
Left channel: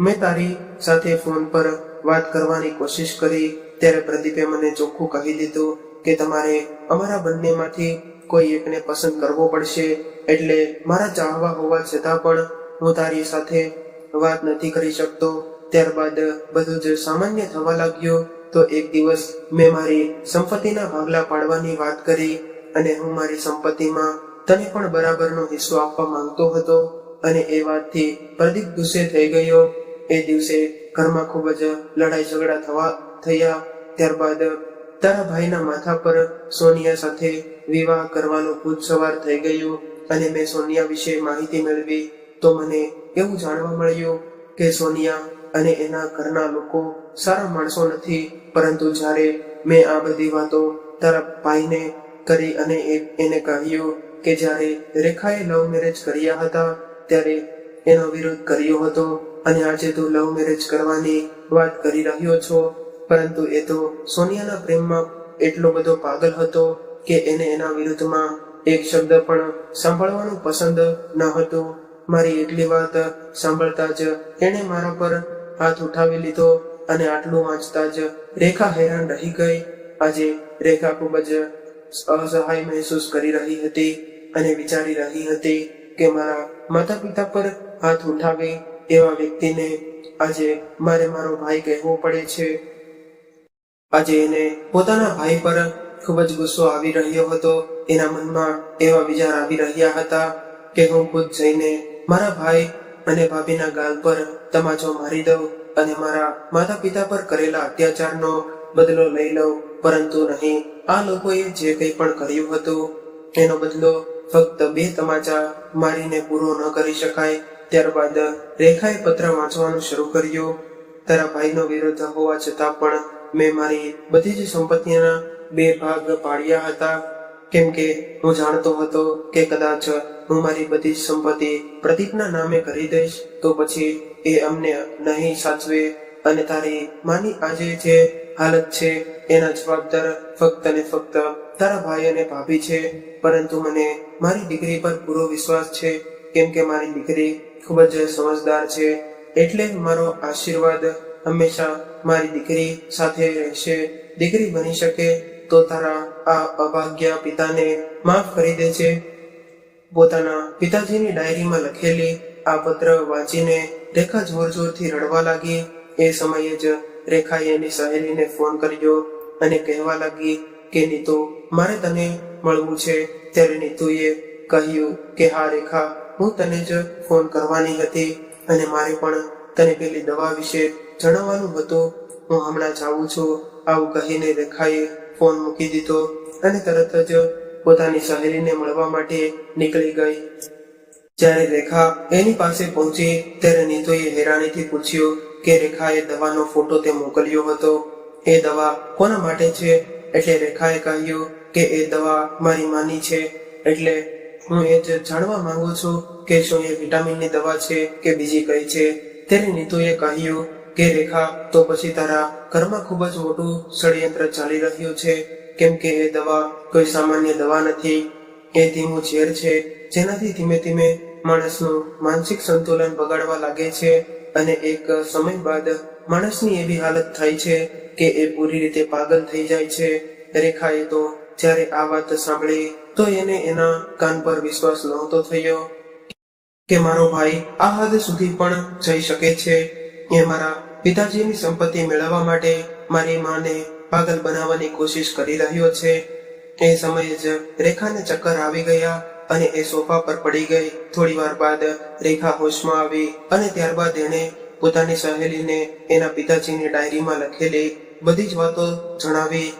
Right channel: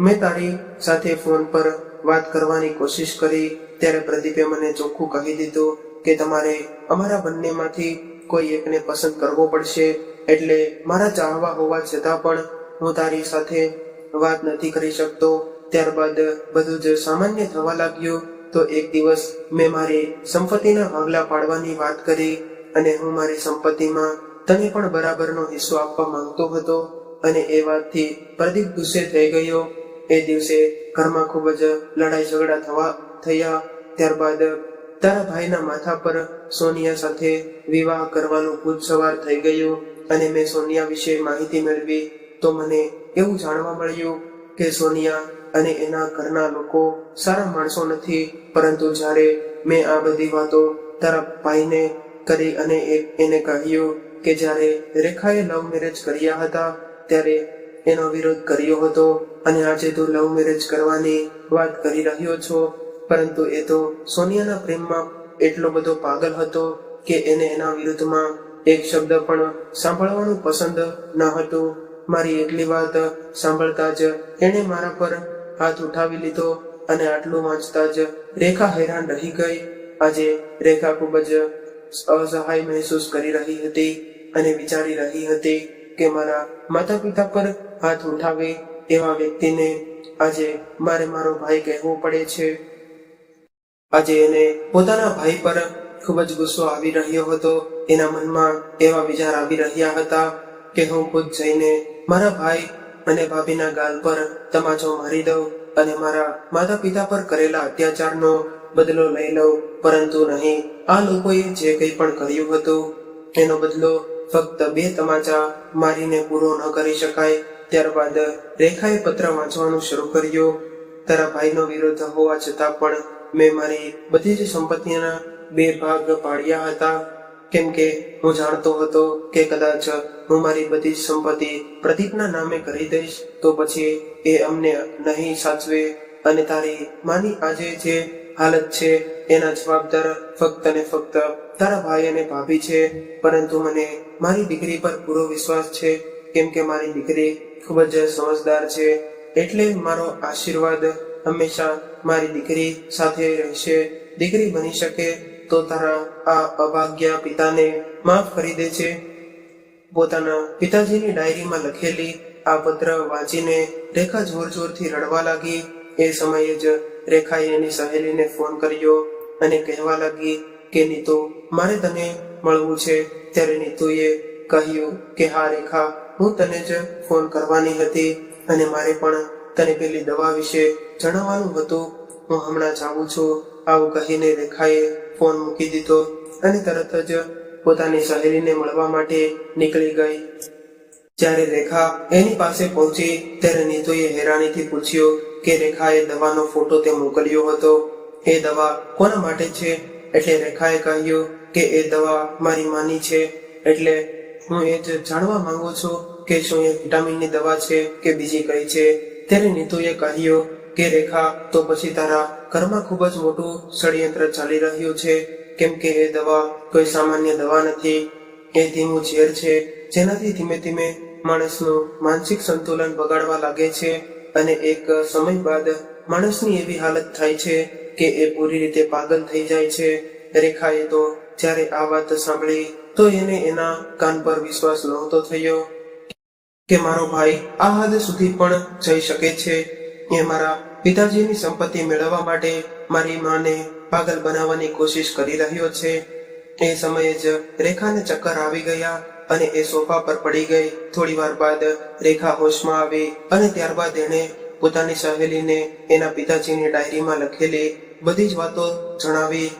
મેં તારી સાથે ફોન પર વાત કરવાની કોશિશ કરી ત્યારે પ્રદીપે મને ચોખ્ખું કહી દીધું કે તમારે અમારા બંનેમાંથી કોઈ એકને પસંદ કરવો પડશે. એટલે મારા ચાહવા હોવા છતાં પણ હું તારી સાથે વાત નથી કરી શકતો. ત્યારબાદ બધું જ સામાન્ય થવા લાગ્યું. તો એક દિવસ મેં મારી સંપત્તિના ભાગલા પાડવાની વાત કરી અને હું મારી સંપત્તિમાં તને પણ બરાબરનો હિસ્સો આપવા માંગતો હતો અને એ વાતથી પ્રદીપ ગુસ્સે થઈ ગયો. એ દિવસે ઘરમાં ખૂબ જ લડાઈ ઝઘડા થયા. ત્યારબાદ તારા ભાઈના માથા પર સોનિયા સાથે વિવાહ કરવાનું ભૂત સવાર થઈ ગયું અને મેં સોનિયા વિશે માહિતી મેળવી તો મને એવું જાણવા મળ્યું કે સોનિયા અને એના ઘરના લોકો સારા માણસો નથી. પરંતુ જ્યારે મેં આ બધી વાતો તારા ભાઈને કરી અને એને કહ્યું કે જ્યારે રેખાએ લવ મેરેજ કર્યા હતા ત્યારે એનો વિરોધ કર્યો હતો અને આજે તું લવ મેરેજ કરવાની વાત કરી રહ્યો છો. પરંતુ એ તો સોનિયાના પ્રેમમાં એટલો બધો પાગલ હતો કે એને એના વિરુદ્ધમાં એક શબ્દ પણ સાંભળવાનું પસંદ ન હતું. મારી એટલી વાત સાંભળતા જ એણે મારા પર હાથ ઉઠાવી લીધો અને આટલું વાંચતા જ રેખા હેરાન રહી ગઈ. આજે રેખા ખૂબ જ અસહાય મહેસૂસ કરી રહી હતી અને વિચારી રહી હતી કે મારા માતા પિતા પર હાથ ઉઠાવી એવા વ્યક્તિને આજે મારો ભાઈ કહેવો પડે છે. આજે એને પોતાના ભાઈ પર ખૂબ જ ગુસ્સો આવી રહ્યો હતો. એના મનમાં એવા વિચાર આવી રહ્યા હતા કે હું ખુદ જઈને મારા ભાઈ અને ભાભીના ગાલ પર તમાચો મારી દઉં અને મારા માતા પિતા પર કરેલા અત્યાચારનો બદલો લઈ લઉં. પરંતુ નહીં, આ લોકોએ જે કંઈ પણ કર્યું હતું એનો બદલો ફક્ત 2 તમાચા મારીને પૂરો ન કરી શકાય. ત્યારબાદ રેખાએ પત્ર વાંચવાનું શરૂ કર્યું. તારા ભાઈનો વિરોધ હોવા છતાં પણ મેં મારી બધી જ સંપત્તિના 2 ભાગ પાડ્યા હતા, કેમ કે હું જાણતો હતો કે કદાચ હું મારી બધી જ સંપત્તિ પ્રદીપના નામે કરી દઈશ તો પછી એ અમને નહીં સાચવે અને તારી માની આજે જે હાલત છે એના જવાબદાર ફક્ત ને ફક્ત તારા ભાઈ અને ભાભી છે. પરંતુ મને મારી દીકરી પર પૂરો વિશ્વાસ છે, કેમ કે મારી દીકરી ખૂબ જ સમજદાર છે. એટલે મારો આશીર્વાદ હંમેશા મારી દીકરી સાથે રહેશે. દીકરી બની શકે તો તારા આ અભાગ્ય પિતાને માફ કરી દે છે. પોતાના પિતાજીની ડાયરીમાં લખેલી આ પત્ર વાંચીને રેખા જોર જોરથી રડવા લાગી. એ સમયે જ રેખાએ એની સહેલીને ફોન કર્યો અને કહેવા લાગી કે નીતુ, મારે તને મળવું છે. ત્યારે નીતુએ કહ્યું કે હા રેખા, હું તને જ ફોન કરવાની હતી અને મારે પણ તને પેલી દવા વિશે જણાવવાનું હતું. હું હમણાં જ આવું છું. આવું કહીને રેખાએ ફોન મૂકી દીધો અને તરત જ પોતાની સહેલીને મળવા માટે નીકળી ગઈ. જ્યારે રેખા એની પાસે પહોંચી ત્યારે નીતુએ હેરાનીથી પૂછ્યું કે રેખાએ દવાનો ફોટો તે મોકલ્યો હતો, એ દવા કોના માટે છે? એટલે રેખાએ કહ્યું કે એ દવા મારી માની છે, એટલે હું એ જ જાણવા માંગુ છું કે શું એ વિટામિનની દવા છે કે બીજી કઈ છે. ત્યારે નીતુએ કહ્યું કે રેખા, તો પછી તારા ઘરમાં ખૂબ જ મોટું ષડયંત્ર ચાલી રહ્યું છે, કેમ કે એ દવા કોઈ સામાન્ય દવા નથી. એ ધીમું ઝેર છે, જેનાથી ધીમે ધીમે માણસનું માનસિક સંતુલન બગાડવા લાગે છે અને એક સમય બાદ માણસની એવી હાલત થાય છે કે એ પૂરી રીતે પાગલ થઈ જાય છે. રેખાએ તો જ્યારે આ વાત સાંભળી તો એને એના કાન પર વિશ્વાસ નહોતો થયો કે મારો ભાઈ આ હદ સુધી પણ જઈ શકે છે. એ મારા પિતાજીની સંપત્તિ મેળવવા માટે મારી માને પાગલ બનાવવાની કોશિશ કરી રહ્યો છે. એ સમયે જ રેખાને ચક્કર આવી ગયા અને એ સોફા પર પડી ગઈ. થોડી વાર બાદ રેખા હોશમાં આવી અને ત્યારબાદ એણે પોતાની સહેલીને એના પિતાજીની ડાયરીમાં લખેલી બધી જ વાતો જણાવી.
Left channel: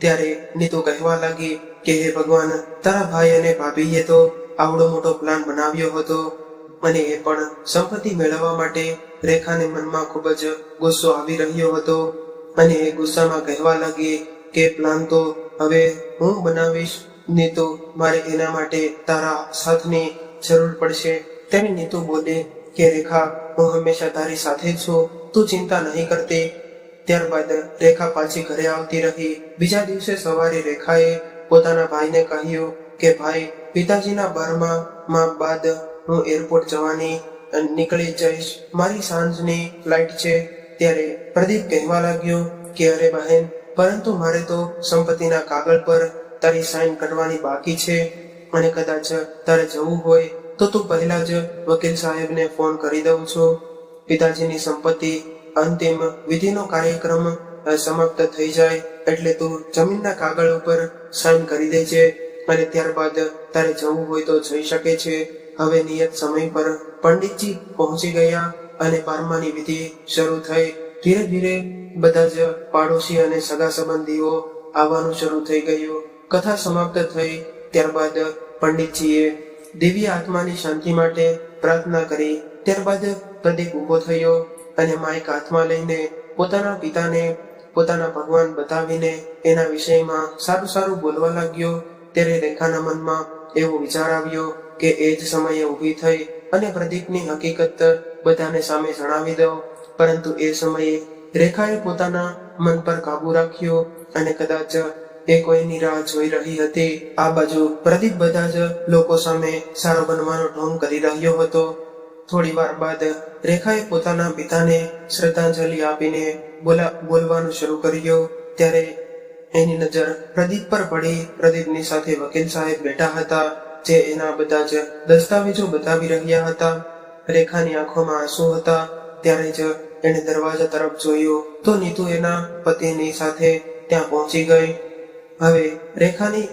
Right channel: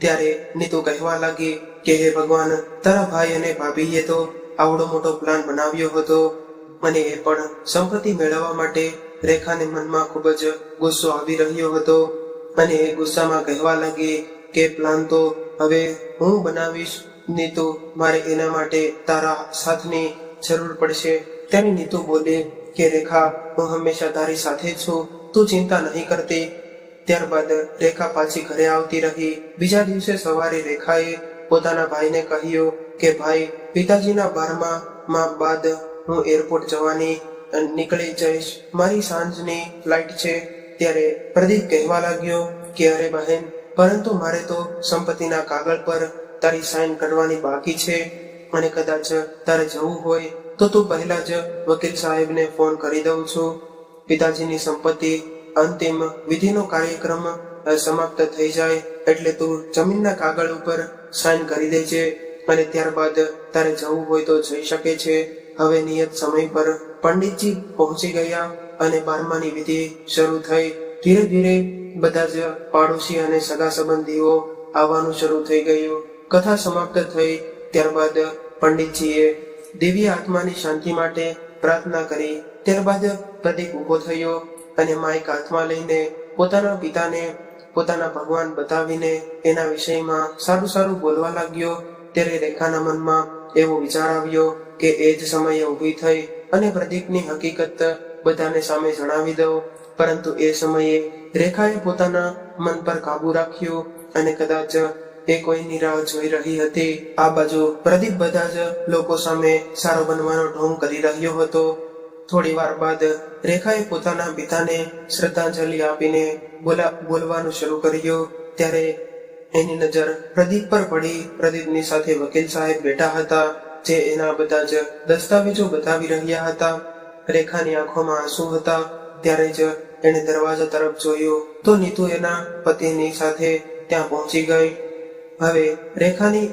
ત્યારે નીતુ કહેવા લાગી કે હે ભગવાન, તારા ભાઈ અને ભાભીએ તો આવડો મોટો પ્લાન બનાવ્યો હતો અને એ પણ સંપત્તિ મેળવવા માટે. રેખાને મનમાં ખૂબ જ ગુસ્સો આવી રહ્યો હતો અને એ ગુસ્સામાં કહેવા લાગી કે પ્લાન તો હવે હું બનાવીશ નીતુ, મારે એના માટે તારા સાથની જરૂર પડશે. ત્યારે નીતુ બોલી કે રેખા, હું હંમેશા તારી સાથે છું, તું ચિંતા નહીં કરતી. ત્યારબાદ રેખા પાછી ઘરે આવતી રહી. બીજા દિવસે સવારે રેખાએ પોતાના ભાઈને કહ્યું કે ભાઈ, પિતાજીના 12મા બાદ હું એરપોર્ટ જવાની નીકળી જઈશ, મારી સાંજની ફ્લાઇટ છે. ત્યારે પ્રદીપ કહેવા લાગ્યો કે અરે બહેન, પરંતુ મારે તો સંપત્તિના કાગળ પર તારી સાઇન કરવાની બાકી છે અને કદાચ તારે જવું હોય તો તું પહેલા જ વકીલ સાહેબને ફોન કરી દઉં છું. પિતાજીની સંપત્તિ અંતિમ વિધિનો કાર્યક્રમ સમાપ્ત થઈ જાય એટલે તું જમીનના કાગળ ઉપર સાઇન કરી દેજે અને ત્યારબાદ તારે જવું હોય તો જઈ શકે છે. હવે નિયત સમય પર પંડિતજી પહોંચી ગયા અને 12માની વિધિ શરૂ થઈ. ધીરે ધીરે બધા જ પાડોશી અને સગા સંબંધીઓ આવવાનું શરૂ થઈ ગયું. કથા સમાપ્ત થઈ ત્યારબાદ પંડિતજીએ દિવ્ય આત્માની શાંતિ માટે પ્રાર્થના કરી. ત્યારબાદ પ્રદીપ ઉભો થયો અને માઇક હાથમાં લઈને પોતાના પિતાને પોતાના ભગવાન બતાવીને એના વિષયમાં સારું સારું બોલવા લાગ્યો. ત્યારે રેખાના મનમાં એવો વિચાર આવ્યો કે એ જ સમયે ઊભી થઈ અને પ્રદીપની હકીકત બધાને સામે જણાવી દઉં. પરંતુ એ સમયે રેખાએ પોતાના મન પર કાબુ રાખ્યો અને કદાચ એ કોઈની રાહ જોઈ રહી હતી. આ બાજુ પ્રદીપ બધા જ લોકો સામે સારો બનવાનો ઢોંગ કરી રહ્યો હતો. થોડી વાર બાદ રેખાએ પોતાના પિતાને શ્રદ્ધાંજલિ આપીને બોલવાનું શરૂ કર્યું. ત્યારે એની નજર પ્રદીપ પર પડી. પ્રદીપની સાથે વકીલ સાહેબ બેઠા હતા, જે એના બધા જ દસ્તાવેજો બતાવી રહ્યા હતા. રેખાની આંખોમાં આંસુ હતા. ત્યારે જ એણે દરવાજા તરફ જોયું તો નીતુ એના પતિની સાથે ત્યાં પહોંચી ગઈ. હવે રેખાની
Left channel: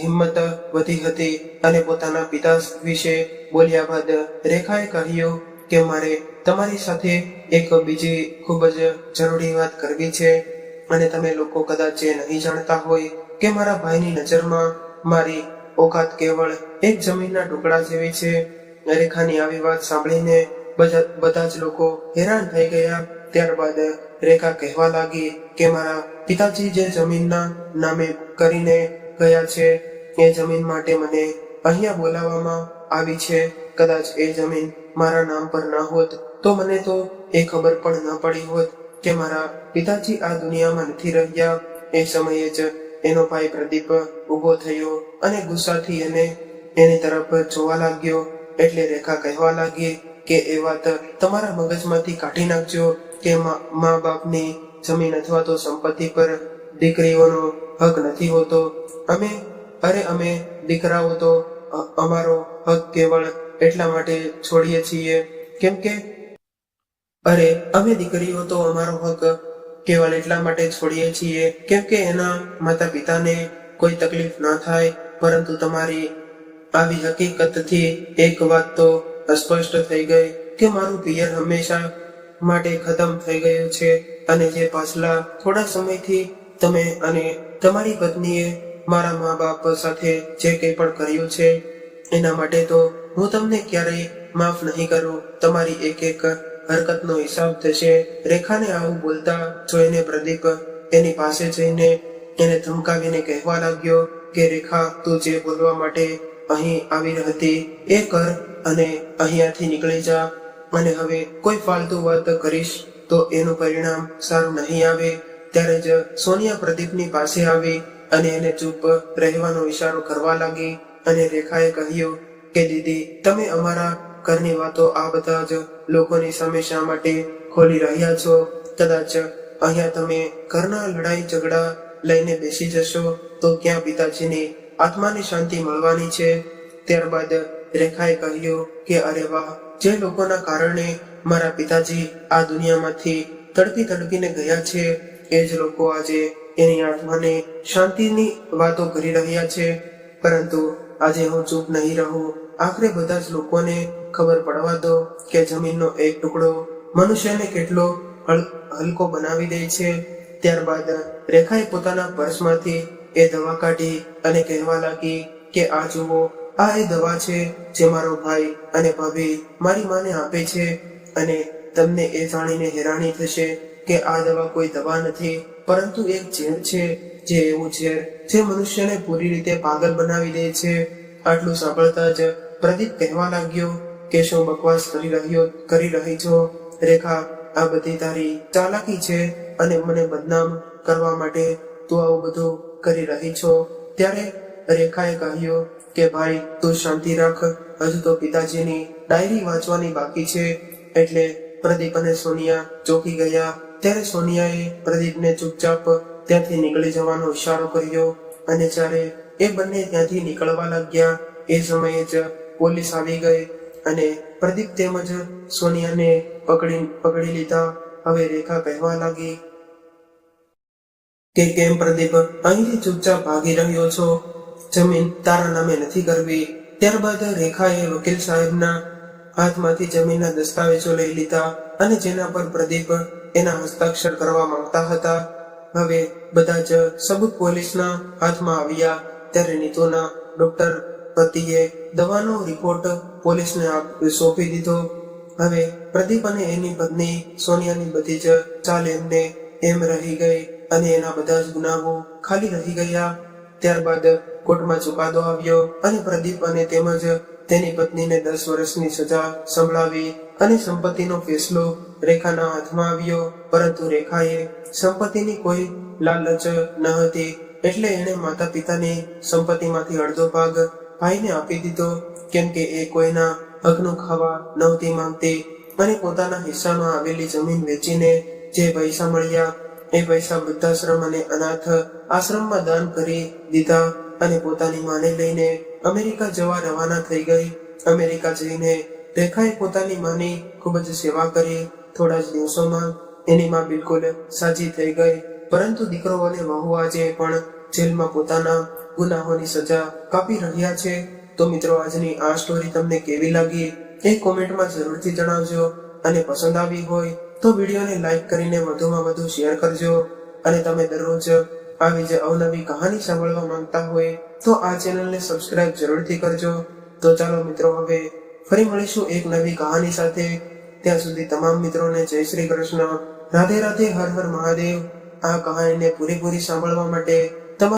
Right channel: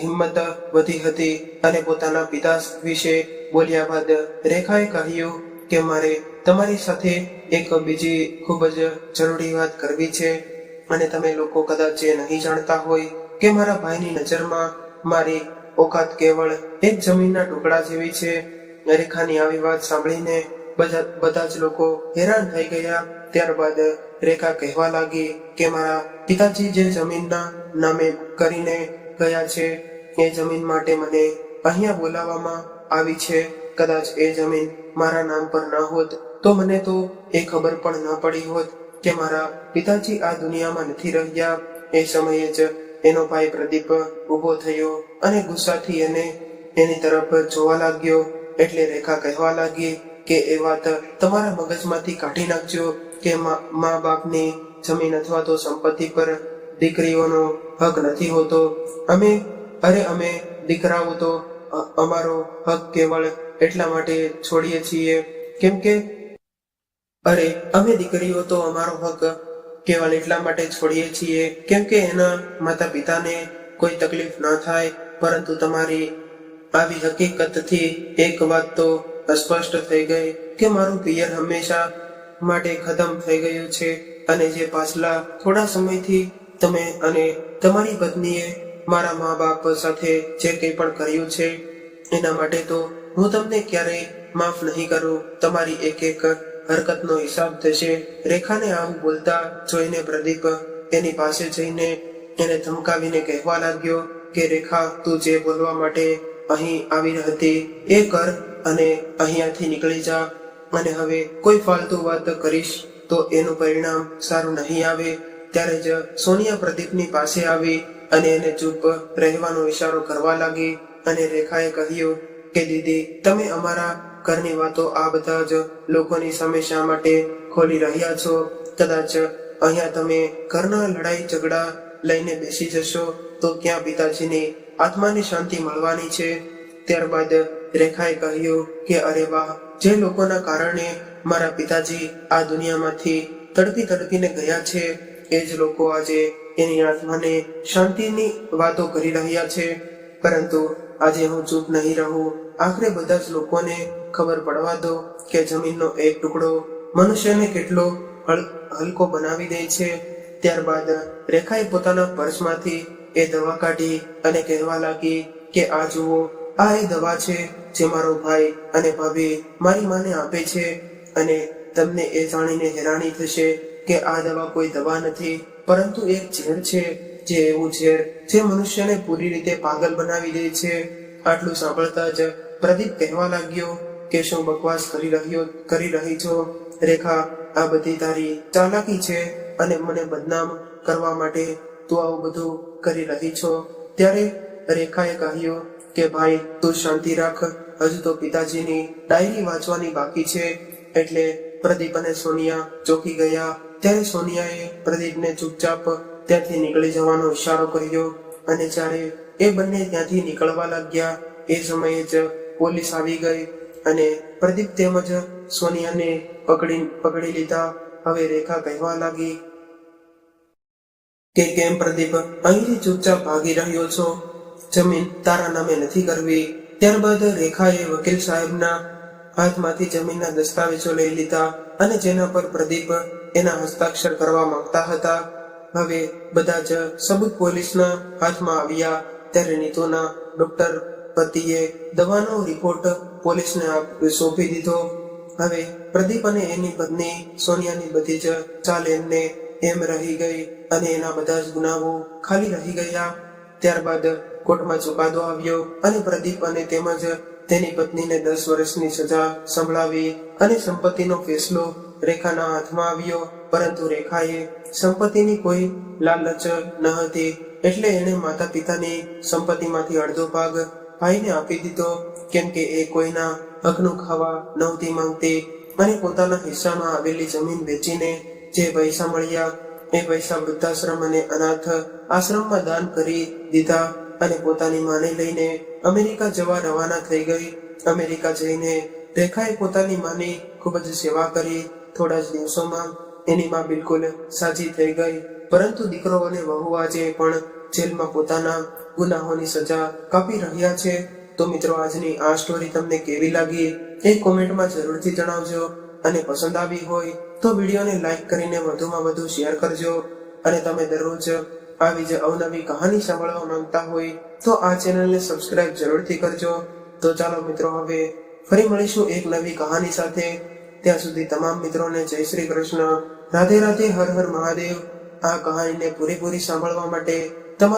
હિંમત વધી હતી અને પોતાના પિતા વિશે બોલ્યા બાદ રેખાએ કહ્યું કે મારે તમારી સાથે એક બીજી ખૂબ જ જરૂરી વાત કરવી છે અને તમે લોકો કદાચ એ નહીં જાણતા હોય કે મારા ભાઈની નજરમાં મારી ઓકાત કેવળ એક જમીનના ટુકડા જેવી છે. રેખાની આવી વાત સાંભળીને બધા જ લોકો હેરાન થઈ ગયા. ત્યારબાદ રેખા કહેવા લાગી કે મારા પિતાજી જે જમીનના નામે કરીને ગયા છે એ જમીન માટે મને અહીંયા બોલાવવામાં આવી છે. કદાચ એ જમીન મારા નામ પર ન હોત તો મને તો એ ખબર પણ ન પડી હોત કે મારા પિતાજી આ દુનિયામાં નથી રહ્યા. એ સમયે જ એનો ભાઈ પ્રદીપ ઊભો થયો અને ગુસ્સાથી એની તરફ જોવા લાગ્યો. એટલે રેખા કહેવા લાગી કે એ વાત તમારા મગજમાંથી કાઢી નાખજો કે મા બાપની જમીન અથવા તો સંપત્તિ પર દીકરીઓનો હક નથી હોતો. અમે દીકરાઓ તો અમારો હક કેવળ એટલા માટે છોડીએ છીએ કેમ કે અમે દીકરીઓ તો અમારો હક કેવળ એટલા માટે છોડીએ છીએ કેમ કે એના માતા પિતાને કોઈ તકલીફ ન થાય. પરંતુ તમારી આવી હકીકતથી એક વાત તો સ્પષ્ટ થઈ ગઈ કે મારું પિયર હંમેશા માટે ખતમ થઈ ગયું છે અને જે પાછલા થોડા સમયથી તમે અને તમારી પત્નીએ મારા મા બાપ સાથે જે કંઈ પણ કર્યું છે એના માટે તો હું તમને ક્યારેય માફ નહીં કરું. તમારી એક એક હરકતનો હિસાબ થશે. રેખાને આવું બોલતા જોઈને પ્રદીપ એની પાસે જઈને એને ધમકાવીને કહેવા લાગ્યો કે રેખા, તું જે બોલવા માટે અહીં આવી હતી એ કર અને અહીંયાથી નીકળી જા. અને હવે કોઈ ફાલતુ વાત કરીશ તો એનું પરિણામ સારું નહીં આવે. ત્યારે જ સોનિયા પ્રદીપની પાસે આવી અને એને ચૂપ રહેવાનો ઈશારો કરવા લાગી. અને રેખાએ કહ્યું કે દીદી, તમે અમારા ઘરની વાતો આ બધા જ લોકોની સામે શા માટે ખોલી રહ્યા છો? કદાચ અહીંયા તમે ઘરના લડાઈ ઝઘડા લઈને બેસી જશો તો ક્યાં પિતાજીની આત્માને શાંતિ મળવાની છે? ત્યારબાદ રેખાએ કહ્યું કે અરે વાહ, જે લોકોના કારણે મારા પિતાજી આ દુનિયામાંથી તડપી તડપીને ગયા છે એ જ લોકો આજે એની આત્માને શાંતિની વાતો કરી રહ્યા છે. પરંતુ આજે હું ચૂપ નહીં રહું. આખરે બધા જ લોકોને ખબર પડવા દો કે જમીનનો એક ટુકડો મનુષ્યને કેટલો હલકો બનાવી દે છે. ત્યારબાદ રેખાએ પોતાના પર્સમાંથી એ દવા કાઢી અને કહેવા લાગી કે આ જુઓ, આ એ દવા છે જે મારો ભાઈ અને ભાભી મારી માને આપે છે. અને તમને એ જાણીને હેરાની થશે કે આ દવા કોઈ દવા નથી, પરંતુ એક ઝેર છે. જે એવું ઝેર જે મનુષ્યને પૂરી રીતે પાગલ બનાવી દે છે. આટલું સાંભળતા જ પ્રદીપ કહેવા લાગ્યો કે શું બકવાસ કરી રહી છો રેખા? આ બધી તારી ચાલાકી છે અને મને બદનામ કરવા માટે તું આવું બધું કરી રહી છો. ત્યારે રેખાએ કહ્યું કે ભાઈ, તું શાંતિ રાખ. હજુ તો પિતાજીની ડાયરી વાંચવાની બાકી છે. એટલે પ્રદીપ અને સોનિયા ચોંકી ગયા. ત્યારે સોનિયાએ પ્રદીપને ચૂપચાપ ત્યાંથી નીકળી જવાનો ઈશારો કર્યો. અને જ્યારે એ બંને ત્યાંથી નીકળવા લાગ્યા એ સમયે જ પોલીસ આવી ગઈ અને પ્રદીપ તેમજ સોનિયાને પકડી લીધા. હવે રેખા કહેવા લાગી કે કેમ પ્રદીપ, અહીંથી ચૂપચાપ ભાગી રહ્યો છો? જમીન તારા નામે નથી કરવી. ત્યારબાદ રેખાએ વકીલ સાહેબના હાથમાંથી જમીનના દસ્તાવેજો લઈ લીધા અને જેના પર પ્રદીપ એના હસ્તાક્ષર કરવા માંગતા હતા. હવે બધા જ સબૂત પોલીસના હાથમાં આવ્યા. ત્યારે નીતુના ડોક્ટર પતિએ દવાનો રિપોર્ટ પોલીસને સોંપી દીધો. હવે પ્રદીપ અને એની પત્ની સોનિયાની બધી જ ચાલ એમને એમ રહી ગઈ અને એના બધા જ ગુનાઓ ખાલી રહી ગયા. ત્યારબાદ કોર્ટમાં ચુકાદો આવ્યો અને પ્રદીપ અને તેમજ તેની પત્નીને 10 વર્ષની સજા સંભળાવી અને સંપત્તિનો ફેસલો રેખાના હાથમાં આવ્યો. પરંતુ રેખાએ સંપત્તિની કોઈ લાલચ ન હતી, એટલે એણે માતા પિતાની સંપત્તિમાંથી અડધો ભાગ ભાઈને આપી દીધો, કેમ કે એ કોઈના હકનું ખાવા નહોતી માંગતી. અને પોતાના હિસ્સામાં આવેલી જમીન વેચીને જે પૈસા મળ્યા એ પૈસા વૃદ્ધાશ્રમ અને અનાથ આશ્રમમાં દાન કરી દીધા અને પોતાની માને લઈને અમેરિકા જવા રવાના થઈ ગઈ. અમેરિકા જઈને રેખાએ પોતાની માની ખૂબ જ સેવા કરી. થોડા જ દિવસોમાં એની માં બિલકુલ સાજી થઈ ગઈ. પરંતુ દીકરો અને વહુ આજે પણ જેલમાં પોતાના ગુનાહોની સજા કાપી રહ્યા છે. તો મિત્રો, આજની આ સ્ટોરી તમને કેવી લાગી એ કોમેન્ટમાં જરૂરથી જણાવજો. અને પસંદ આવી હોય તો વિડીયોને લાઈક કરીને વધુમાં વધુ શેર કરજો. અને તમે દરરોજ આવી જ અવનવી કહાની સાંભળવા માંગતા હોય તો આ ચેનલને સબસ્ક્રાઇબ જરૂરથી કરજો. તો ચાલો મિત્રો, હવે ફરી મળીશું એક નવી કહાની સાથે. ત્યાં સુધી તમામ મિત્રોને જય શ્રી કૃષ્ણ, રાધે રાધે, હર હર મહાદેવ. આ કહાનીને પૂરેપૂરી સાંભળવા માટે